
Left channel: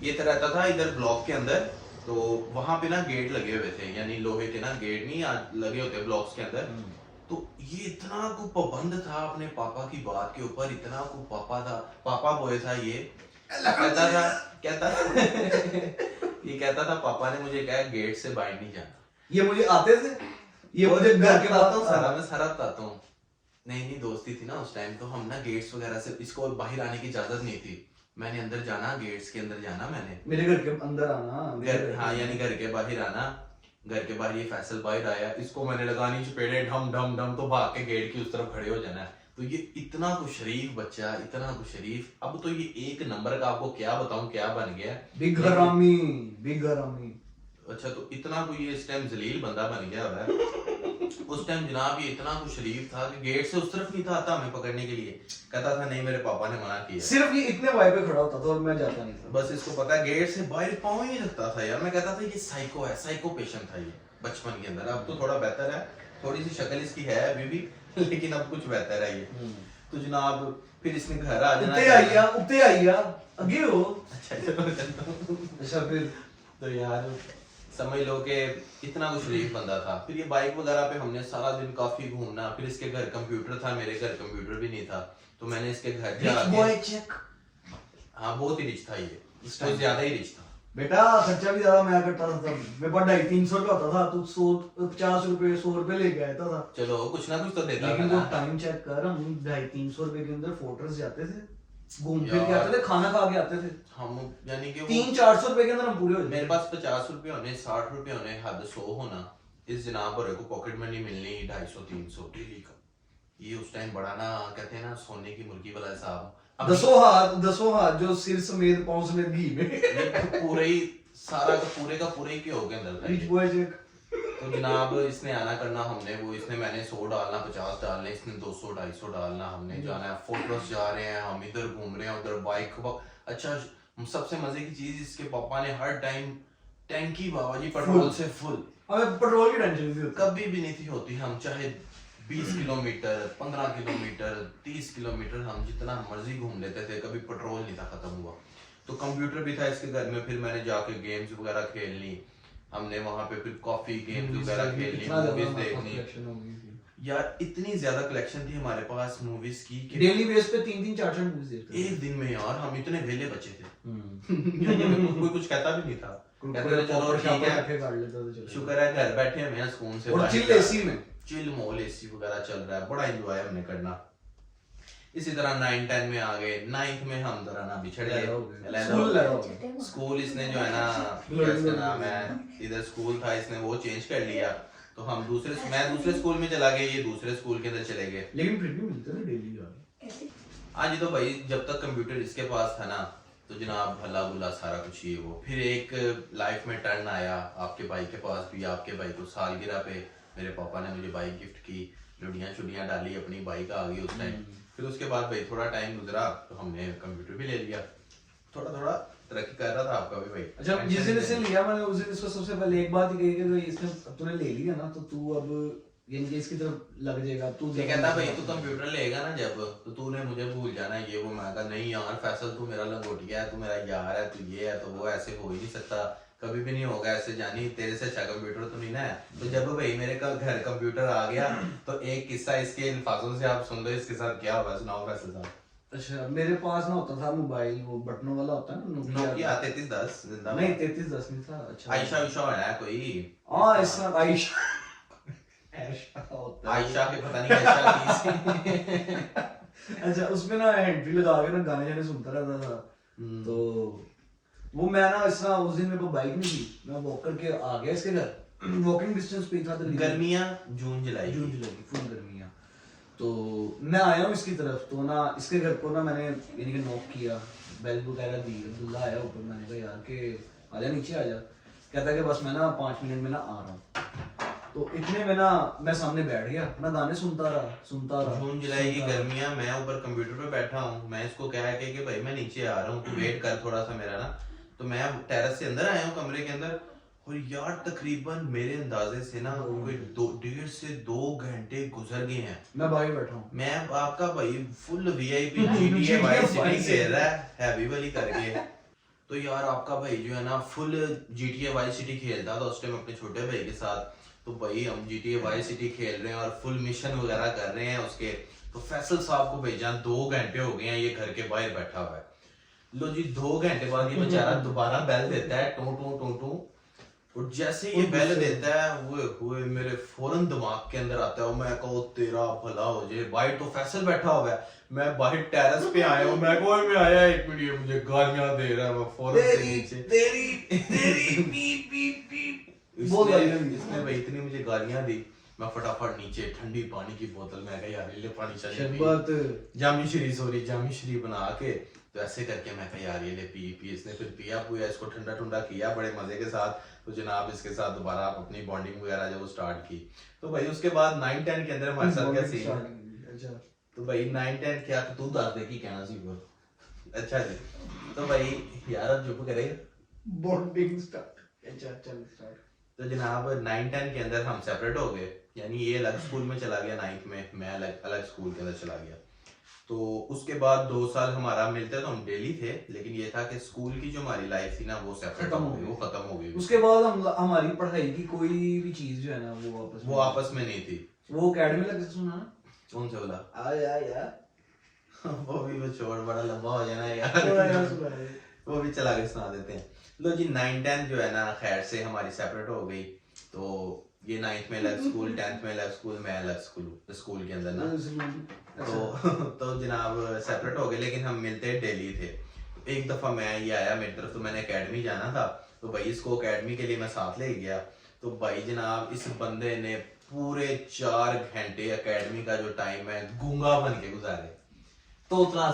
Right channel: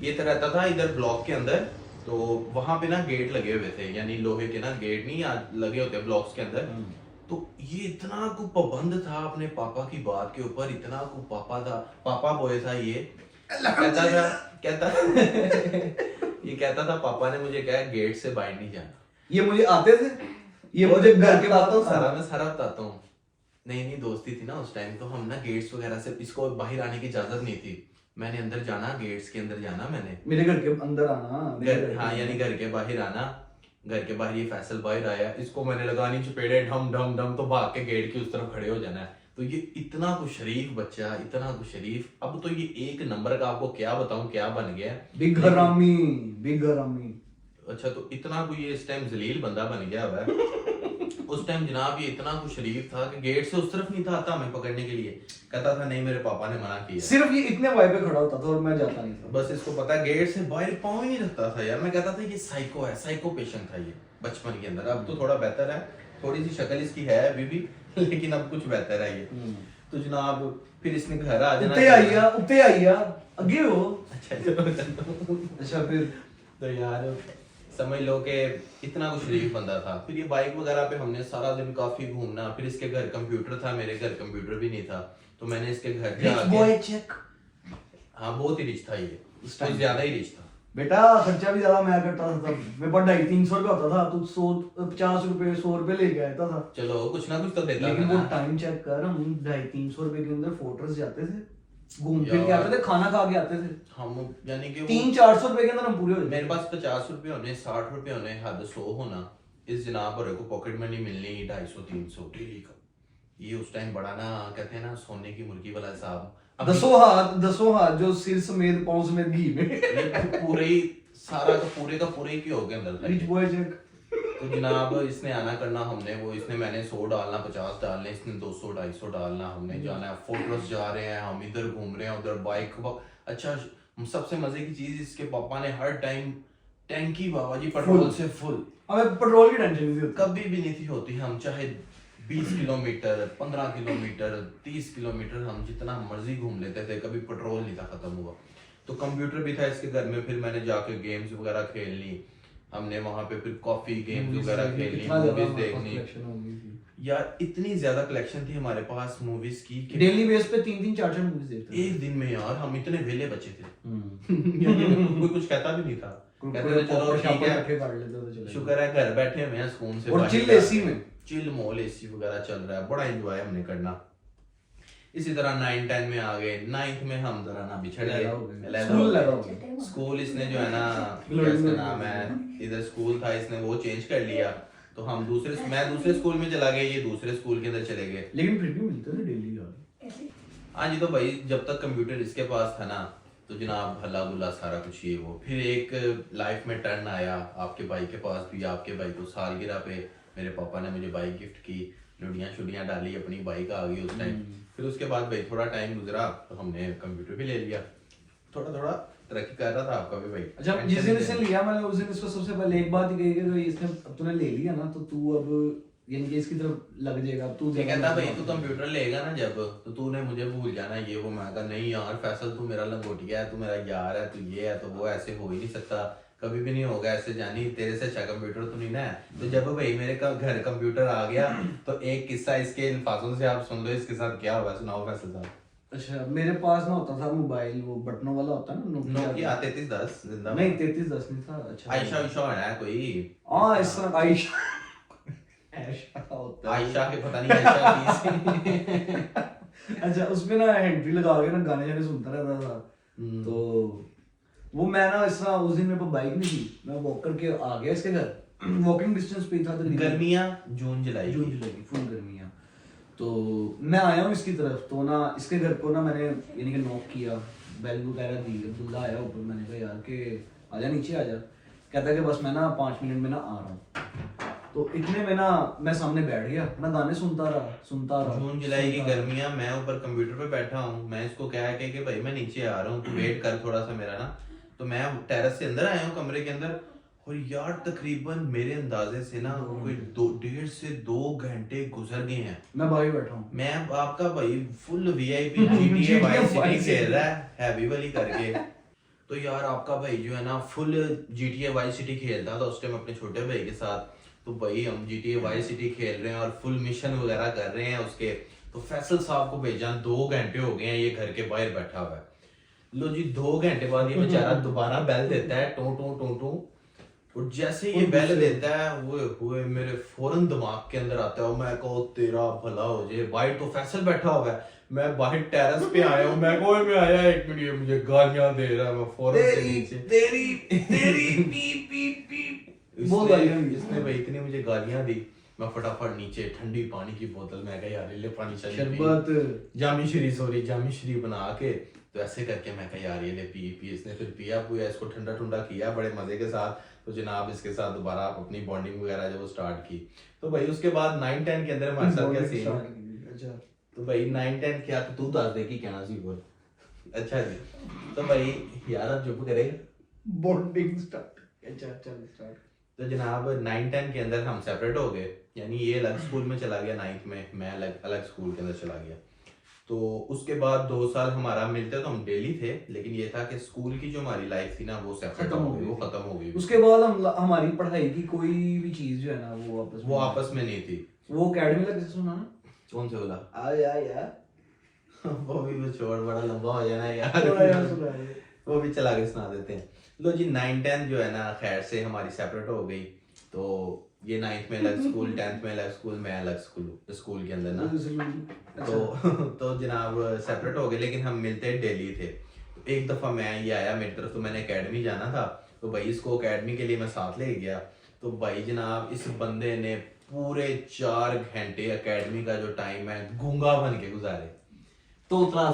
ये तो रहता था इधर ब्लॉक के अंदर, तो वहां पे ना गेट लगे हुए थे, यानी लोहे के ना गेट नहीं आज लगे होते ब्लॉक्स के अंदर। तो ये इतना को पाबंद था अपने पापा की बात के ऊपर, इतना को पापा बॉय था ये। कहता ये कहता था पापा ने मुझे कहा गेट से बाहर नहीं जाना। ये मुझे आते थे, ये मुझे घर के बताता हूँ सारा, मैं सारा बताता हूँ। नहीं दोस्ती थी ना उस टाइम, तो हम ना गेट्स वगैरह से इसको बाहर आने की इजाजत नहीं थी। मैंने अंदर जाना, गेट्स के अंदर जाना, मैंने मेरे घर के अंदर आना, घर, हाँ यानी घर के बाहर आना। घर के बाहर ये फैसल बाहर आया, इसको मैंने लगानी चपेड़े ढम ढम ढम, तो भाग के गेट की उस तरफ खड़े हो जाना है। तो ये इतना कुछ शरीफ बच्चा, इतना कुछ शरीफ, अब तो ये एक नंबर का आपको क्या बताऊं क्या बन गया, बिग हरामी, बिग हरामी। अच्छा तो इतना कोई ये इस टाइम जलील बंदा बन गया हुआ है। उस टाइम जनाब ये इतना कुछ शरीफ था कि गेट से उस तरफ नहीं था आता हमें पकड़ने के लिए, कहता था नहीं मेरे पापा ने मना किया। सिर्फ ये इतने वाई पे खड़ा होता था और मैं जाता नहीं था। बस इसको पता है गेट से बाहर पाँव ही नहीं रखता था यार। मैं कहता था ये साइको है, साइको पेशेंट था ये बचपन के अंदर। अब तो थोड़ा बेहतर है, थोड़ी सी शक्ल इसकी है अभी भी, लेकिन अब कुछ बेहतर है ये। तो जनाब फिर इसने घर आ जाना, उत्ते आइया आगे हो। अच्छा चलो अच्छा फिर तो यार समझ लो कि इतना कुछ शरीफ बंदा था। फिर ये बाइक वगैरह पे हमने सारा दिन काफी घूमना। फिर इसके घर कंप्यूटर था, मेरे घर कंप्यूटर भी नहीं था, तो मैंने इसके घर जाके, हाँ बहुत ही रिच था ये, इसको ज्यादा ही रिच था बेटा। खर्चा भी ज्यादा मैं करता था तब, मेरे पास 250-300 रुपया होता था, तू 150 रुपए 100 रुपए लेके आता था। चलो कुछ ना कुछ तो देता लेकिन था वो ना। टाइम चेक कर, हम 250-300 रुपए के अंदर फोर्ट्रेस जाते थे, घूम फिर के आते थे, खाना खा के आते थे। हम यानी कि 300-400 रुपए के अंदर हम पूरे हो जाते। मेरे पास 50 रुपए होने, 60 रुपए होने, हद 100 होना, इस जनाब भरे को पॉकेट मनी मिलनी 250-300 डेली का। ये उस टाइम बड़ा ना कहते हैं ना सोने की मुर्गी वाला हिसाब। अब 10 हाथ जो सिर समेत पांव समेत घी में ये पूरे ही सारा का पूरे ही क्यों हो गया अंदर रिच था। बॉय चेक। तो जनाब इसने आना करना, हमने वो इसने मैंने 100 डालना, 50 डालने, इसने 200-250 डालना। हमने जाना है फोर्ट्रेस जा रहे हैं, हम इधर घूम रहे हैं उधर बाइक। अच्छा सबसे मजे की चीज, इसके पापा ने हर टाइम टैंकी बाबा जी पेट्रोल से फुल, हमें पेट्रोल की टेंशन नहीं होती। कभी भी नहीं थी होती। हम चाहे 20 किलोमीटर 15 किलोमीटर 30 किलोमीटर हम जितना मर्जी घूम लेते थे, कभी पेट्रोल नहीं था खत्म हुआ। तो कंप्यूटर भी था इसके घर में, फिर मैंने जाके गेम्स वगैरह खेलनी। हमने वहां पे फिर कॉफी गेम्स वगैरह खेलनी, मूवीज देखनी। यार इतनी ज्यादा कलेक्शन थी हमारे पास मूवीज की कि डेली बेस पे 3-4 मूवीज देखते थे एक दिन में यार हम इतने वेले बच्चे थे। यानी कोई कुछ कहता भी नहीं था, कहते थे चलो ठीक है, शुक्र है घर बैठे हुए हैं सुकून से, और चिल एसी में, चिल मॉल एसी वगैरह चल रहा है, बड़ा एंजॉय हमने करना। इसी तरह 9-10 में आ गए, 9th में हम जरा ना बिछड़ गए, स्कूल इसने जो है ना क्या इसका नाम है, इधर स्कूल था इसने वो चेंज कर लिया, तो हम मैं दूसरे स्कूल में चला गया, ये दूसरे स्कूल के अंदर चले गए, लेकिन फिर भी मिलते थे डेली यार। हाँ जी। तो भाई जब तक कंप्यूटर इसके पास था ना तो जनाब हल्ला गुल्ला सारा कुछ ये वो। फिर एक लाइफ में टर्न आया आपके भाई के पास भी, आपके भाई को सालगिरह पे मेरे पापा ने मुझे बाइक गिफ्ट की, लुड़ियाँ शुड़ियाँ डाली, अपनी बाइक आ गई उस टाइम। फिर उसके बाद भाई थोड़ा टाइम गुजरा तो हमने कंप्यूटर भी ले लिया, थोड़ा थोड़ा तरक्की कर रहा था आपका भी भाई। अच्छा, जिस दिन इसने लिया मैंने उस दिन इसको सबसे पहले एक बात कही कि इसने तूने ले लिया ना तो तू अब यानी कि इसकी तरफ लग जाएगा, तू कहता भाई तू कंप्यूटर लेगा ना जब तो तूने मुझे भूल जाना ये वो। मैं कहा नहीं यार फैसल तू मेरा लंगोटिया है, तू मेरा यार है, तू ये है तो वो, ऐसे हो ही नहीं सकता, कभी भी नहीं होगा ऐसे, जानी तेरे से अच्छा कंप्यूटर तो नहीं ना है। तो जब भाई मेरे का घर कंप्यूटर आ गया तो एक किस्सा इसके अल्फाजों से आप सुन लो, इसके साथ क्या हुआ सुनाओ फैसल साहब। अच्छा, मेरे पास ना होता था मोबाइल, वो बटनों वाला होता है ना, नोकिया 3310 जिंदा नहीं 3310 नहीं था। अच्छा आयशा उषा है कोई, हाँ इस तरह आयशा आयशा के पता नहीं आयशा की अच्छा, उसमें ना एंट्री लगा के ना गाने जाने सुनता रहता था। तो वो मैं ना इस तरह उस दिन मेरे पास बाइक नहीं थी, मैं वॉक करके आ गया इसके घर, वॉकिंग डिस्टेंस पे ही था तकरीबन। गर्मियां जून जुलाई की फुल गर्मियां। तो मैं आया हूँ इसकी तरफ, तो ना इसके घर को ना मैंने यानी कि नॉक किया, बेल वगैरह दी, अब्दुल्ला आया ऊपर, मैंने कहा यार कि आजा नीचे आजा, कहता कि बस मैं ना 5 मिनट में ना आ रहा हूँ। तो इतने में ना मैं सामने बैठ गया, मैं गाने सुनता रहा। जून जुलाई की गर्मियां, मैं ऊपर कंप्यूटर पे बैठा हूँ, मैं इसको कह के कि भाई मैं नीचे आ रहा हूँ तू वेट कर थोड़ा सा मेरा ना। तो मैं टेरेस से अंदर आया हूँ कमरे के अंदर, और यार तकरीबन मेरे अंदाजे से ना कोई 1.5 से 2 घंटे गुजर गए हैं, मैं बाहर बैठा हूँ। मैं आपका भाई full VIP GTA vice city खेल रहा है हैवी वाली करके। तो यार आपका भाई जो है ना फुल GTA वाइस सिटी खेलता था उस टाइम अपने छोटे भाई के साथ। तो भाई हम GTA वाइस सिटी खेल रहे हैं और फुल मिशन वगैरह कर रहे हैं उसके। तो फैसल साहब को भेजा, 2 घंटे हो गए हैं ये घर के बाहर बैठा हुआ है। लो जी 2 घंटे बाद ये बेचारा दोबारा बेल देता है, टू टू टू टू, और जैसे ये बेल देता है हुए मेरे फौरन दिमाग के अंदर आता है, मैं कहूँ तेरा भला हो जाए, भाई तो फैसल बैठा हुआ है, मैं बाहर टेरेस पे आया हूँ, मैं कहूँ मैं आया 1 मिनट, मुझे गालियां दे रहा है, मैं फौरन से नीचे तेरी पीप पीप पीप इसने भाई इतनी मुझे गालियां दी, मैं फटाफट नीचे ठंडी पानी की बोतल में गया यार ले पानी चली जामी श्री बना के, तो ऐसे करके मैं कहा यार ये ले पी। इसने फिर पिया इसको ठंडा ठंडा किया बड़े मजे के साथ। तो जनाब इसके साथ दोबारा अपनी बॉन्डिंग वगैरह जो स्टार्ट की। तो भाई उसके बाद 9-10 के अंदर हमारे साथ क्या सीन, तो भाई 9-10 क्या तो तू दस दे की कहना सी बोल। अच्छा जी, तो भाई यार अब चुप करेगा, बॉन्डिंग स्टार्ट। अच्छा चल स्टार्ट। तो जनाब 9-10 के अंदर हम सेपरेट हो गए, यानी ये अलग स्कूल में चला गया 9th में, मैं अलग स्कूल के अंदर चला गया। तो उसके बाद 2 साल हमारा मिलते तो हम डेली थे, लेकिन ये था कि स्कूल की जो हमारी लाइफ थी ना वो सेपरेट हो गई, वो खत्म हो गई। उसके बाद हमारी पढ़ाई की कोई भी चीज जो है ना वो आपस में नहीं थी। वो एकेडमी का किससे सुना ना, कौन से बोला यार वो भी छोड़, बड़ा लंबा हो जाना यार वो भी चला के सुना देते हैं। लो जी 9-10 जो है ना खैर से हमारी सेपरेट हो गई। तो ये 9th में अलग स्कूल, 10th में अलग स्कूल, मैं अलग स्कूल के अंदर ना। तो जनाब सेपरेट हो गए, लेकिन हम मिलते डेली थे। तो एक दफा मैं ये आया मेरी तरफ, तो मैंने एकेडमी जाना था, तो भाई इसको एकेडमी के लिए मैं साथ ले गया। तो भाई जनाब इस बंदे ने पूरे 4 घंटे एकेडमी का जो टाइम है गूंगा बन के गुजारे। तोतला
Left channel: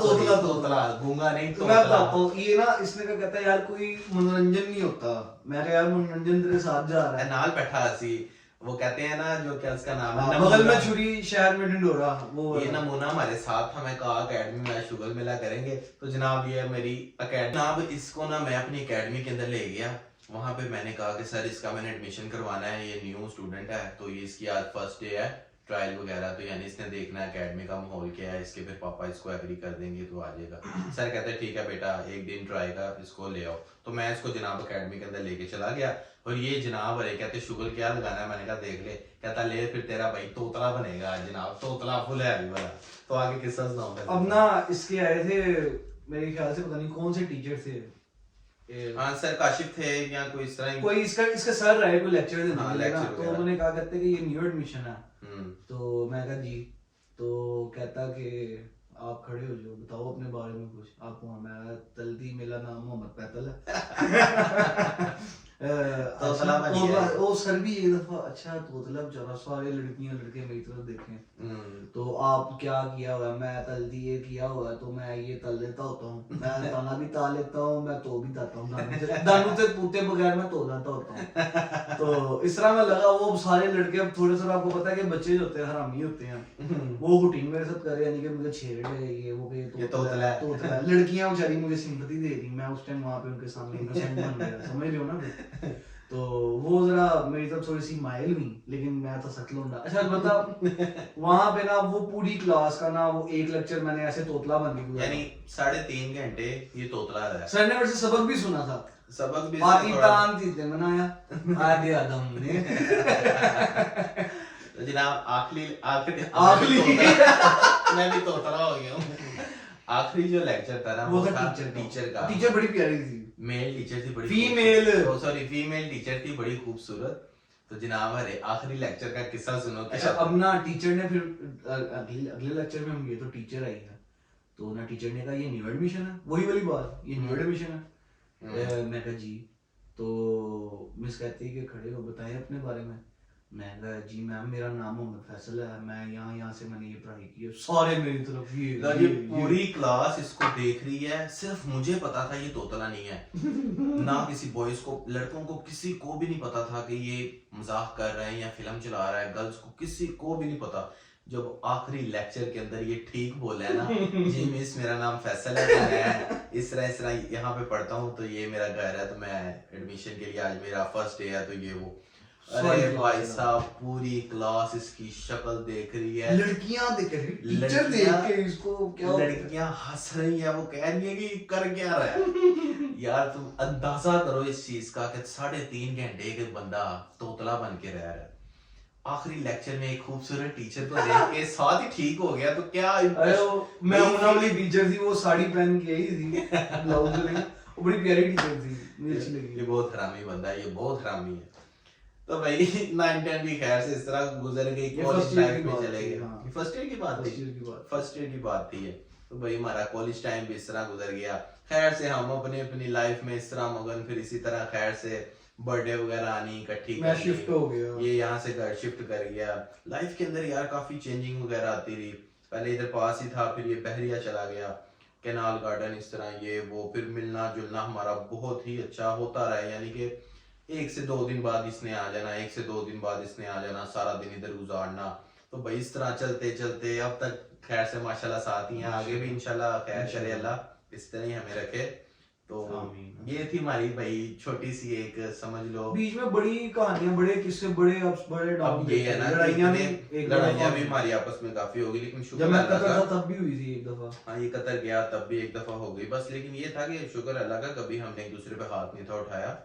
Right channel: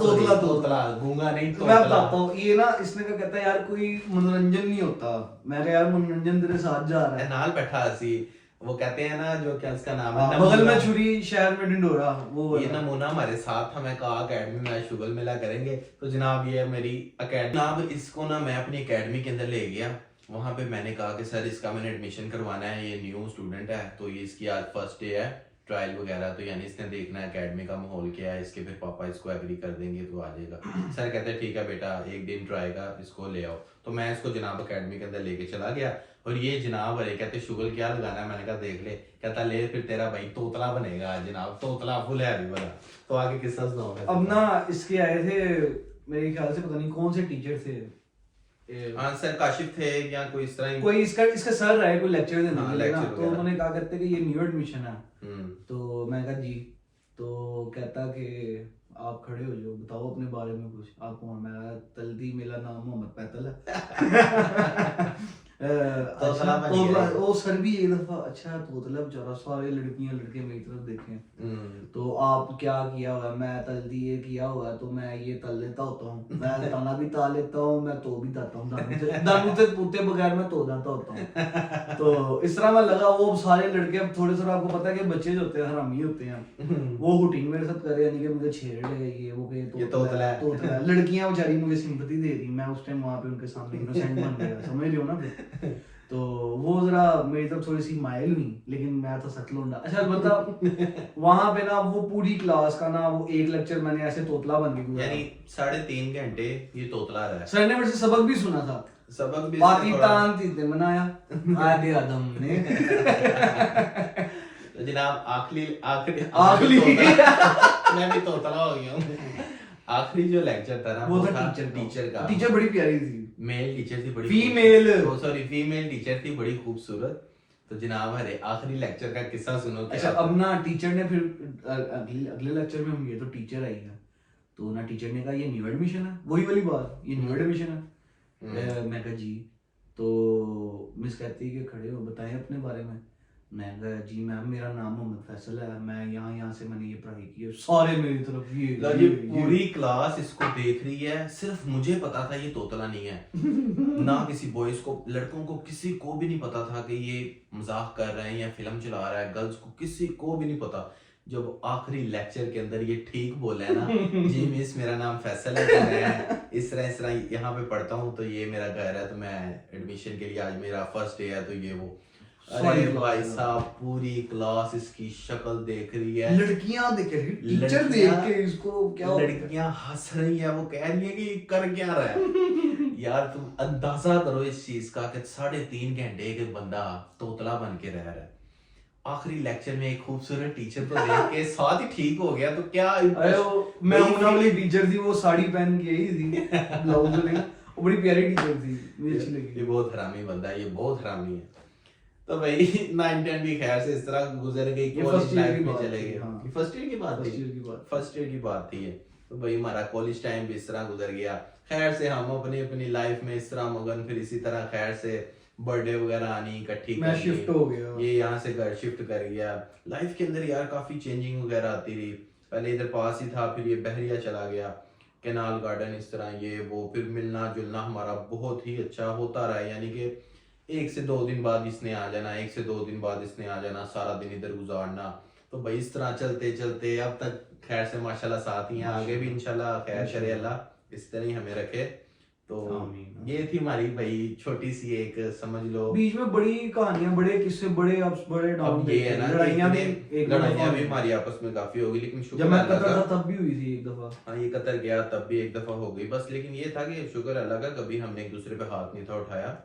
गूंगा नहीं तो मैं बताता हूँ, ये ना इसने क्या कहता है यार कोई मनोरंजन नहीं होता, मैं यार मनोरंजन तेरे साथ जा रहा है, नाल बैठा हसी, वो कहते हैं ना जो क्या उसका नाम है, बगल में छुरी शहर में ढिंडोरा, वो ये नमूना हमारे साथ था। मैं कहा अकेडमी में आज शुगल मेला करेंगे, तो जनाब ये मेरी अकेडमी, जनाब इसको ना मैं अपनी अकेडमी के अंदर ले गया। वहां पे मैंने कहा कि सर इसका मैंने एडमिशन करवाना है, ये न्यू स्टूडेंट है, तो ये इसकी आज फर्स्ट डे है, ट्रायल वगैरह, तो यानी इसने देखना है एकेडमी का माहौल क्या है, इसके फिर पापा इसको एग्री कर देंगे तो आ जाएगा। सर कहते हैं ठीक है बेटा, एक दिन ट्राई का इसको ले आओ। तो मैं इसको जनाब एकेडमी के अंदर लेके चला गया, और ये जनाब अरे कहते शुगर क्या लगाना है, मैंने कहा देख ले। कहता ले फिर तेरा भाई तोतला बनेगा जनाब, तोतला फुल हैवी वाला। तो आगे किस्सा सुनाओ। अब ना इसके आए थे मेरे ख्याल से, पता नहीं कौन से टीचर थे, हाँ सर काशिफ थे या कोई इस तरह ही। कोई इसका सर रहे, कोई लेक्चर देने हाँ, वाले ना, lecture तो वगैरह। उन्होंने कहा करते कि ये न्यू एडमिशन है। हम्म। तो मैं कहा जी, तो कहता कि आप खड़े हो जाओ, बताओ अपने बारे में कुछ, आप कौन? मैं कहा, तल्दी, मेरा नाम मोहम्मद पैतल है। तोतला बन गया है। वो सर भी एक दफा, अच्छा तोतला बेचारा, सारे लड़कियां लड़के मेरी तरफ देखें, तो आप क्या किया हुआ है? मैं तल्दी ये किया हुआ है, तो मैं ये तल लेता होता हूँ, मैं तना भी ता लेता हूँ, मैं तो भी ताता हूँ, दानू से तूते बगैर मैं तो जाता होता हूँ। तो इस तरह में लगा, वो सारे लड़के, अब थोड़े से आपको पता है कि बच्चे जो होते हैं हरामी होते हैं, वो हुटिंग मेरे साथ करे, यानी कि मुझे छेड़ है ये वो के तोतला है। तोतला है। लड़कियां बेचारी मुझे सिंपैथी दे रही, मैं उस टाइम वहां पे उनके सामने इनोसेंट बन गया, समझ रहे हो ना फिर। तो वो जरा मेरी तरफ थोड़ी सी माइल हुई, लेकिन मैं तो सच लौंडा। अच्छा बता, वहां पे ना वो पूरी क्लास का ना, वो एक लेक्चर मैंने ऐसे तोतला बन के यानी 3.5 घंटे ये तोतला रहा। सर ने मेरे से सबक भी सुना था, सबक भी पाती थोड़ा- तान तीते मनाया आगे आदम ने। तो जनाब आखिरी आखिरी मैं भी तोतला हो गया हूँ। आखिरी जो लेक्चर था ना, वो तो था टीचर का। टीचर बड़ी प्यारी थी, मेल टीचर थी बड़ी, फीमेल, सॉरी फीमेल टीचर थी बड़ी खूबसूरत। तो जनाब अरे आखिरी लेक्चर का किस्सा सुनो। अच्छा अब ना टीचर ने फिर अगले लेक्चर में हम गए तो टीचर आई है, तो ना टीचर ने कहा ये न्यू एडमिशन है, वही वाली बात, ये न्यू एडमिशन है। मैं कहा जी, तो मिस कहती है कि खड़े हो, बताएं अपने बारे में। मैं कहा जी मैम मेरा नाम मोहम्मद फैसल है, मैं यहाँ से मैंने ये पढ़ाई की है। सारे मेरी तरफ ये पूरी क्लास इसको देख रही है, सिर्फ मुझे पता था ये तोतला नहीं है। ना किसी बॉयज को, लड़कों को किसी को भी नहीं पता था कि ये मजाक कर रहे हैं या फिल्म चला रहा है। गर्ल्स को किसी को भी नहीं पता। जब आखिरी लेक्चर के अंदर ये ठीक बोला है ना, जी मिस मेरा नाम फैसल है, तो मैं इस तरह यहाँ पे पढ़ता हूँ, तो ये मेरा घर है, तो मैं एडमिशन के लिए आज मेरा फर्स्ट डे है, तो ये वो। अरे भाई साहब पूरी क्लास इसकी शक्ल देख रही है, लड़कियां देख रही, टीचर देख के इसको क्या, लड़कियां हंस रही है, वो कह रही है कि ये कर क्या रहा है। यार तुम अंदाजा करो इस चीज का कि 3.5 घंटे के बंदा तोतला बन के रह रहा है। आखिरी लेक्चर में एक खूबसूरत टीचर को देख के साथ ही ठीक हो गया, तो क्या मैं मुन्ना वाली टीचर थी, वो साड़ी पहन के आई थी, ब्लाउज में, वो बड़ी प्यारी टीचर थी, मुझे अच्छी लगी। ये बहुत हरामी बंदा है, ये बहुत हरामी है। तो भाई 9-10 भी खैर से इस तरह गुजर गई, कॉलेज लाइफ में चले गए। फर्स्ट ईयर की बात थी, फर्स्ट ईयर की बात थी ये। तो भाई हमारा कॉलेज टाइम भी इस तरह गुजर गया। खैर से हम अपनी लाइफ में इस तरह मगन, फिर इसी तरह खैर से बर्थडे वगैरह आनी इकट्ठी, मैं शिफ्ट हो गया, ये यहाँ से घर शिफ्ट कर गया। लाइफ के अंदर यार काफी चेंजिंग वगैरह आती रही। पहले इधर पास ही था, फिर ये बहरिया चला गया, कैनाल गार्डन, इस तरह ये वो, फिर मिलना जुलना हमारा बहुत ही अच्छा होता रहा। यानी कि 1 से 2 दिन बाद इसने आ जाना, 1 से 2 दिन बाद इसने आ जाना, सारा दिन इधर गुजारना। तो भाई इस तरह चलते चलते अब तक खैर से माशाल्लाह साथ ही हैं, आगे भी इंशाल्लाह खैर करे अल्लाह इस तरह ही हमें रखे। तो ये थी हमारी भाई छोटी सी एक, समझ लो बीच में बड़ी कहानियां, बड़े किस्से, बड़े अप्स, बड़े डाउन। अब ये है ना, लड़ाइयां भी हमारी आपस में काफी होगी, लेकिन जब शुक्र मैं अल्लाह कतर का। था तब भी हुई थी एक दफा। हाँ ये कतर गया तब भी एक दफा हो गई बस, लेकिन ये था कि शुक्र अल्लाह का कभी हमने एक दूसरे पे हाथ नहीं था उठाया।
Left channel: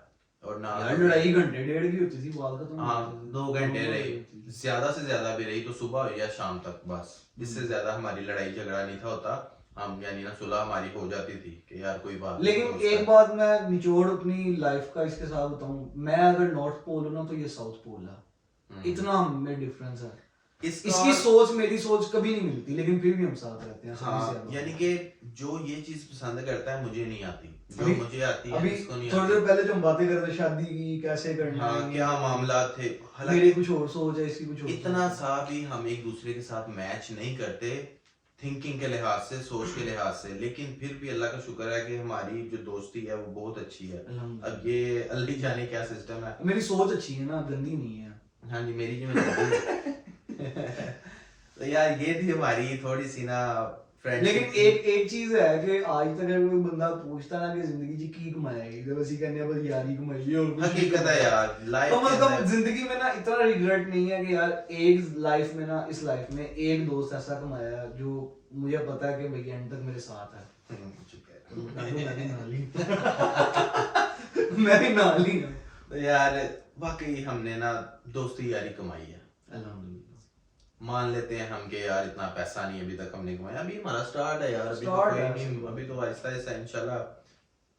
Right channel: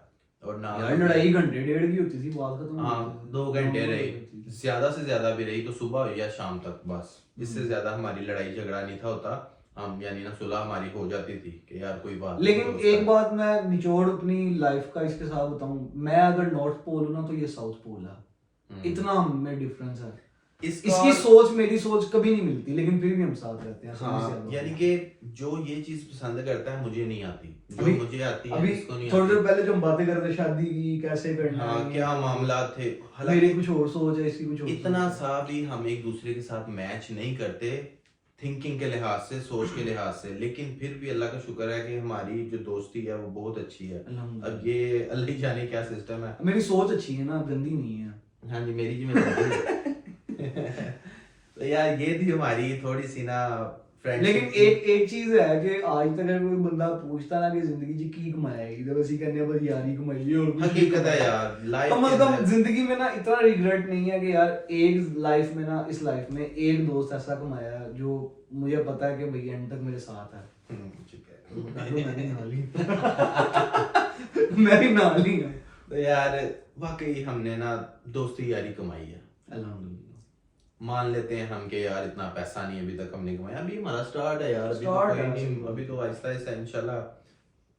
और ना यार लड़ाई घंटे डेढ़ की होती थी, बात खत्म। हाँ 2 घंटे रही, ज्यादा से ज्यादा भी रही तो सुबह हो या शाम तक, बस इससे ज्यादा हमारी लड़ाई झगड़ा नहीं था होता। हम यानी ना सुलह हमारी हो जाती थी कि यार कोई बात लेकिन नहीं, एक बात मैं निचोड़ अपनी लाइफ का इसके साथ बताऊं, मैं अगर नॉर्थ पोल हूं ना तो ये साउथ पोल है, इतना हमें डिफरेंस है। इसकी सोच मेरी सोच कभी नहीं मिलती, लेकिन फिर भी हम साथ रहते हैं। हाँ, यानी कि जो ये चीज पसंद करता है मुझे नहीं आती, जो मुझे आती है अभी इसको नहीं थोड़ी आती। देर पहले जो हम बातें कर रहे थे शादी की कैसे करना हाँ है, क्या मामला थे, मेरी कुछ और सोच है, इसकी कुछ और इतना सोच है। सा भी हम एक दूसरे के साथ मैच नहीं करते थिंकिंग के लिहाज से, सोच के लिहाज से, लेकिन फिर भी अल्लाह का शुक्र है कि हमारी जो दोस्ती है वो बहुत अच्छी है। अब ये अल्लाह ही जाने क्या सिस्टम है। मेरी सोच अच्छी है ना, गंदी नहीं है। हाँ जी मेरी जिम्मेदारी। तो यार ये थी हमारी थोड़ी सी ना लेकिन एक चीज है कि आज तक अगर कोई बंदा पूछता ना कि जिंदगी जी की कमाएगी तो बस ही कहने बस यारी कमाई है और कुछ नहीं हकीकत है कमाया। यार, लाइफ कम से कम जिंदगी में ना इतना रिग्रेट नहीं है कि यार एक लाइफ में ना, इस लाइफ में एक दोस्त ऐसा कमाया जो मुझे पता है कि भाई एंड तक मेरे साथ है। मैं भी नाल ही हूं। तो यार वाकई हमने ना दोस्ती यारी कमाई है। अल्हम्दुलिल्लाह। मान लेते हैं हम कि यार इतना पैसा नहीं अभी तक हमने कमाया, अभी हमारा स्टार्ट है यार, अभी तो Start कोई है, नहीं, सही अभी तो आहिस्ता आहिस्ता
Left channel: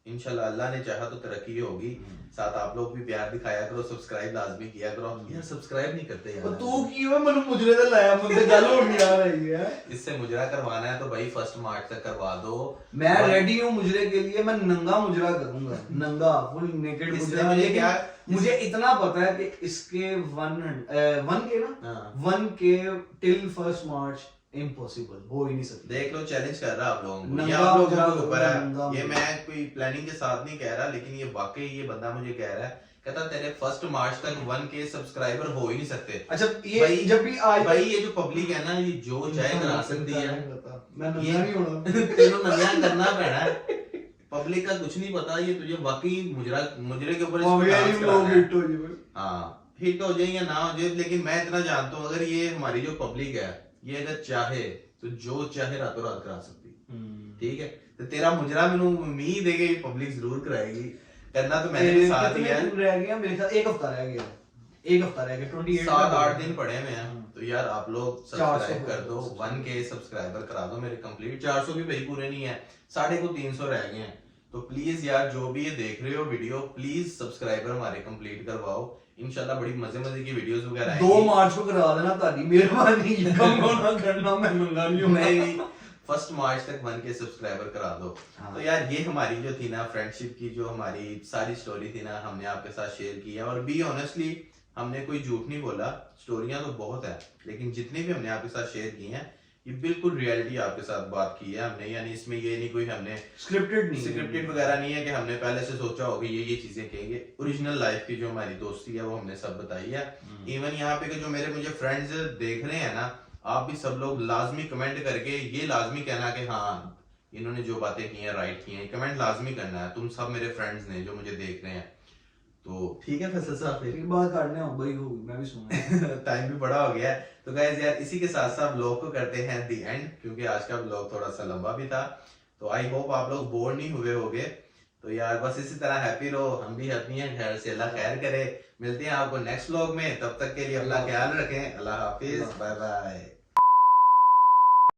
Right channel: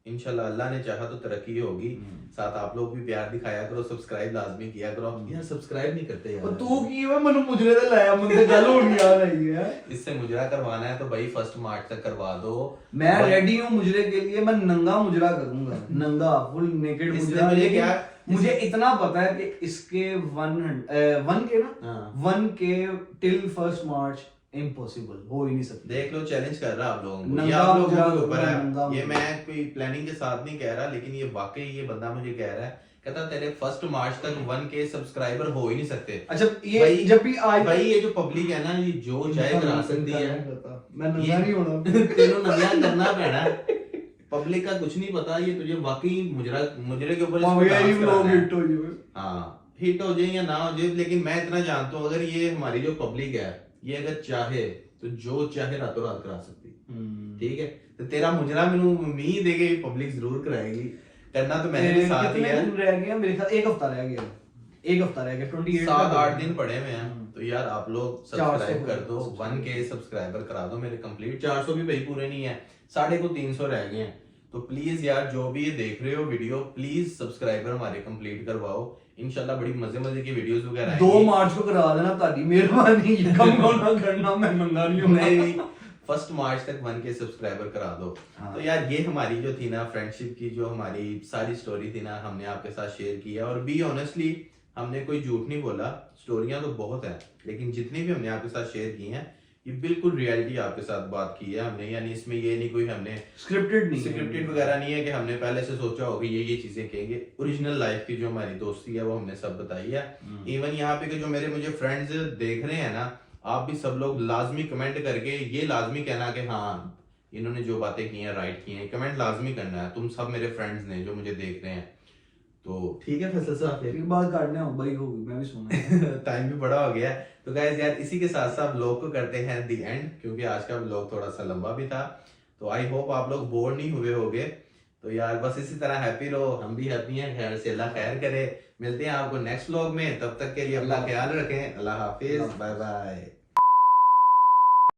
इंशाल्लाह अल्लाह ने चाहा तो तरक्की होगी। साथ आप लोग भी प्यार दिखाया करो, सब्सक्राइब लाजमी किया करो। यार सब्सक्राइब नहीं करते यार, तू की वे मनु मुजरे ते लाया मुझे गल होनी आ रही है। इससे मुजरा करवाना है तो भाई 1 मार्च तक करवा दो। मैं रेडी हूँ मुजरे के लिए, मैं नंगा मुजरा करूंगा, नंगा फुल नेकेड इसने मुजरा। मुझे लेकिन क्या मुझे इतना पता है कि इसके 1 के ना हाँ। 1 के टिल 1 मार्च इम्पॉसिबल हो ही नहीं सकता। देख लो, चैलेंज कर रहा आप लोगों को, ये नंगा आप लोगों मुजरा के ऊपर नंगा है। ये मुजरा। मैं कोई प्लानिंग के साथ नहीं कह रहा, लेकिन ये वाकई ये बंदा मुझे कह रहा है, कहता तेरे 1 मार्च तक 1 के सब्सक्राइबर हो ही नहीं सकते। अच्छा ये भाई- जब भी आज भाई ये जो पब्लिक है ना, ये जो चाहे करा सकती है। मैं नंगा नहीं होना। तेनों नंगा करना पैना है। पब्लिक का कुछ नहीं पता, ये तुझे वाकई मुजरे के ऊपर इसको और ये डांस लोग कराना है। हिट हो जाए। हाँ, हिट हो जाए या ना हो जाए, लेकिन मैं इतना जानता हूँ अगर ये हमारी जो पब्लिक है, ये अगर चाहे तो जो चाहे रातों रात करा सकती है। ठीक है, तो तेरा मुजरा मैंने उम्मीद है कि पब्लिक जरूर कराएगी। करना तो मैंने भी साथ ही है। कितने दिन रह गया मेरे ख्याल, एक हफ्ता रह गया, 28 7-8 दिन पड़े हुए हैं। तो यार आप लोग 400 सब्सक्राइब कर दो, 1 के सब्सक्राइबर करा दो मेरे कंप्लीट। 400 भी भाई पूरे नहीं है, 350 रह गए हैं। तो प्लीज यार जो भी ये देख रहे हो वीडियो, प्लीज सब्सक्राइबर हमारे कंप्लीट करवाओ। इंशाल्लाह बड़ी मजे की वीडियोस वगैरह 2 मार्च को करा देना, ताकि मेहरबानी कम ना करना, मैं नंगा नहीं हूं। नहीं 1 मार्च तक 1 के सब्सक्राइबर करा दो। हाँ। तो यार ये हमारी जो थी ना फ्रेंडशिप की, जो हमारी सारी स्टोरी थी ना, हमने आपके साथ शेयर किया। और बी ऑनेस्टली हमने कोई झूठ नहीं बोला, स्टोरियां तो बहुत हैं, लेकिन जितनी भी हमने आपके साथ शेयर की हैं ये बिल्कुल रियलिटी आपके साथ बात की है हमने। यानी इसमें ये नहीं कोई हमने स्क्रिप्टेड वगैरह नहीं है कि हमने पहले से सोचा होगा ये चीजें कहेंगे। ओरिजिनल लाइफ की जो हमारी दोस्ती है वो हमने सब बताई है। इवन यहाँ पे जो मेरे मुझे फ्रेंड्स देख रहे हैं ना, आप भी सब लोग लाजमी कमेंट करके ये लाजमी कहना कि हाँ इन्होंने जो बातें की हैं राइट की हैं। कमेंट लाजमी करना है, तुम सब मेरे फ्रेंड्स ने जो मुझे देख रहे हैं। तो ठीक है फैसल साहब, फिर एक बात काटने हो भाई होगी, मैं भी सुना। टाइम भी बड़ा हो गया है। तो गाइस यार इसी के साथ साथ व्लॉग को करते हैं दी एंड, क्योंकि आज का व्लॉग थोड़ा सा लंबा भी था। तो आई होप आप लोग बोर नहीं हुए होगे। तो यार बस इसी तरह हैप्पी रहो, हम भी हैप्पी हैं, खैर से अल्लाह खैर करे। मिलते हैं आपको नेक्स्ट व्लॉग में, तब तक के लिए अपना ख्याल रखें। अल्लाह हाफिज, बाय बाय।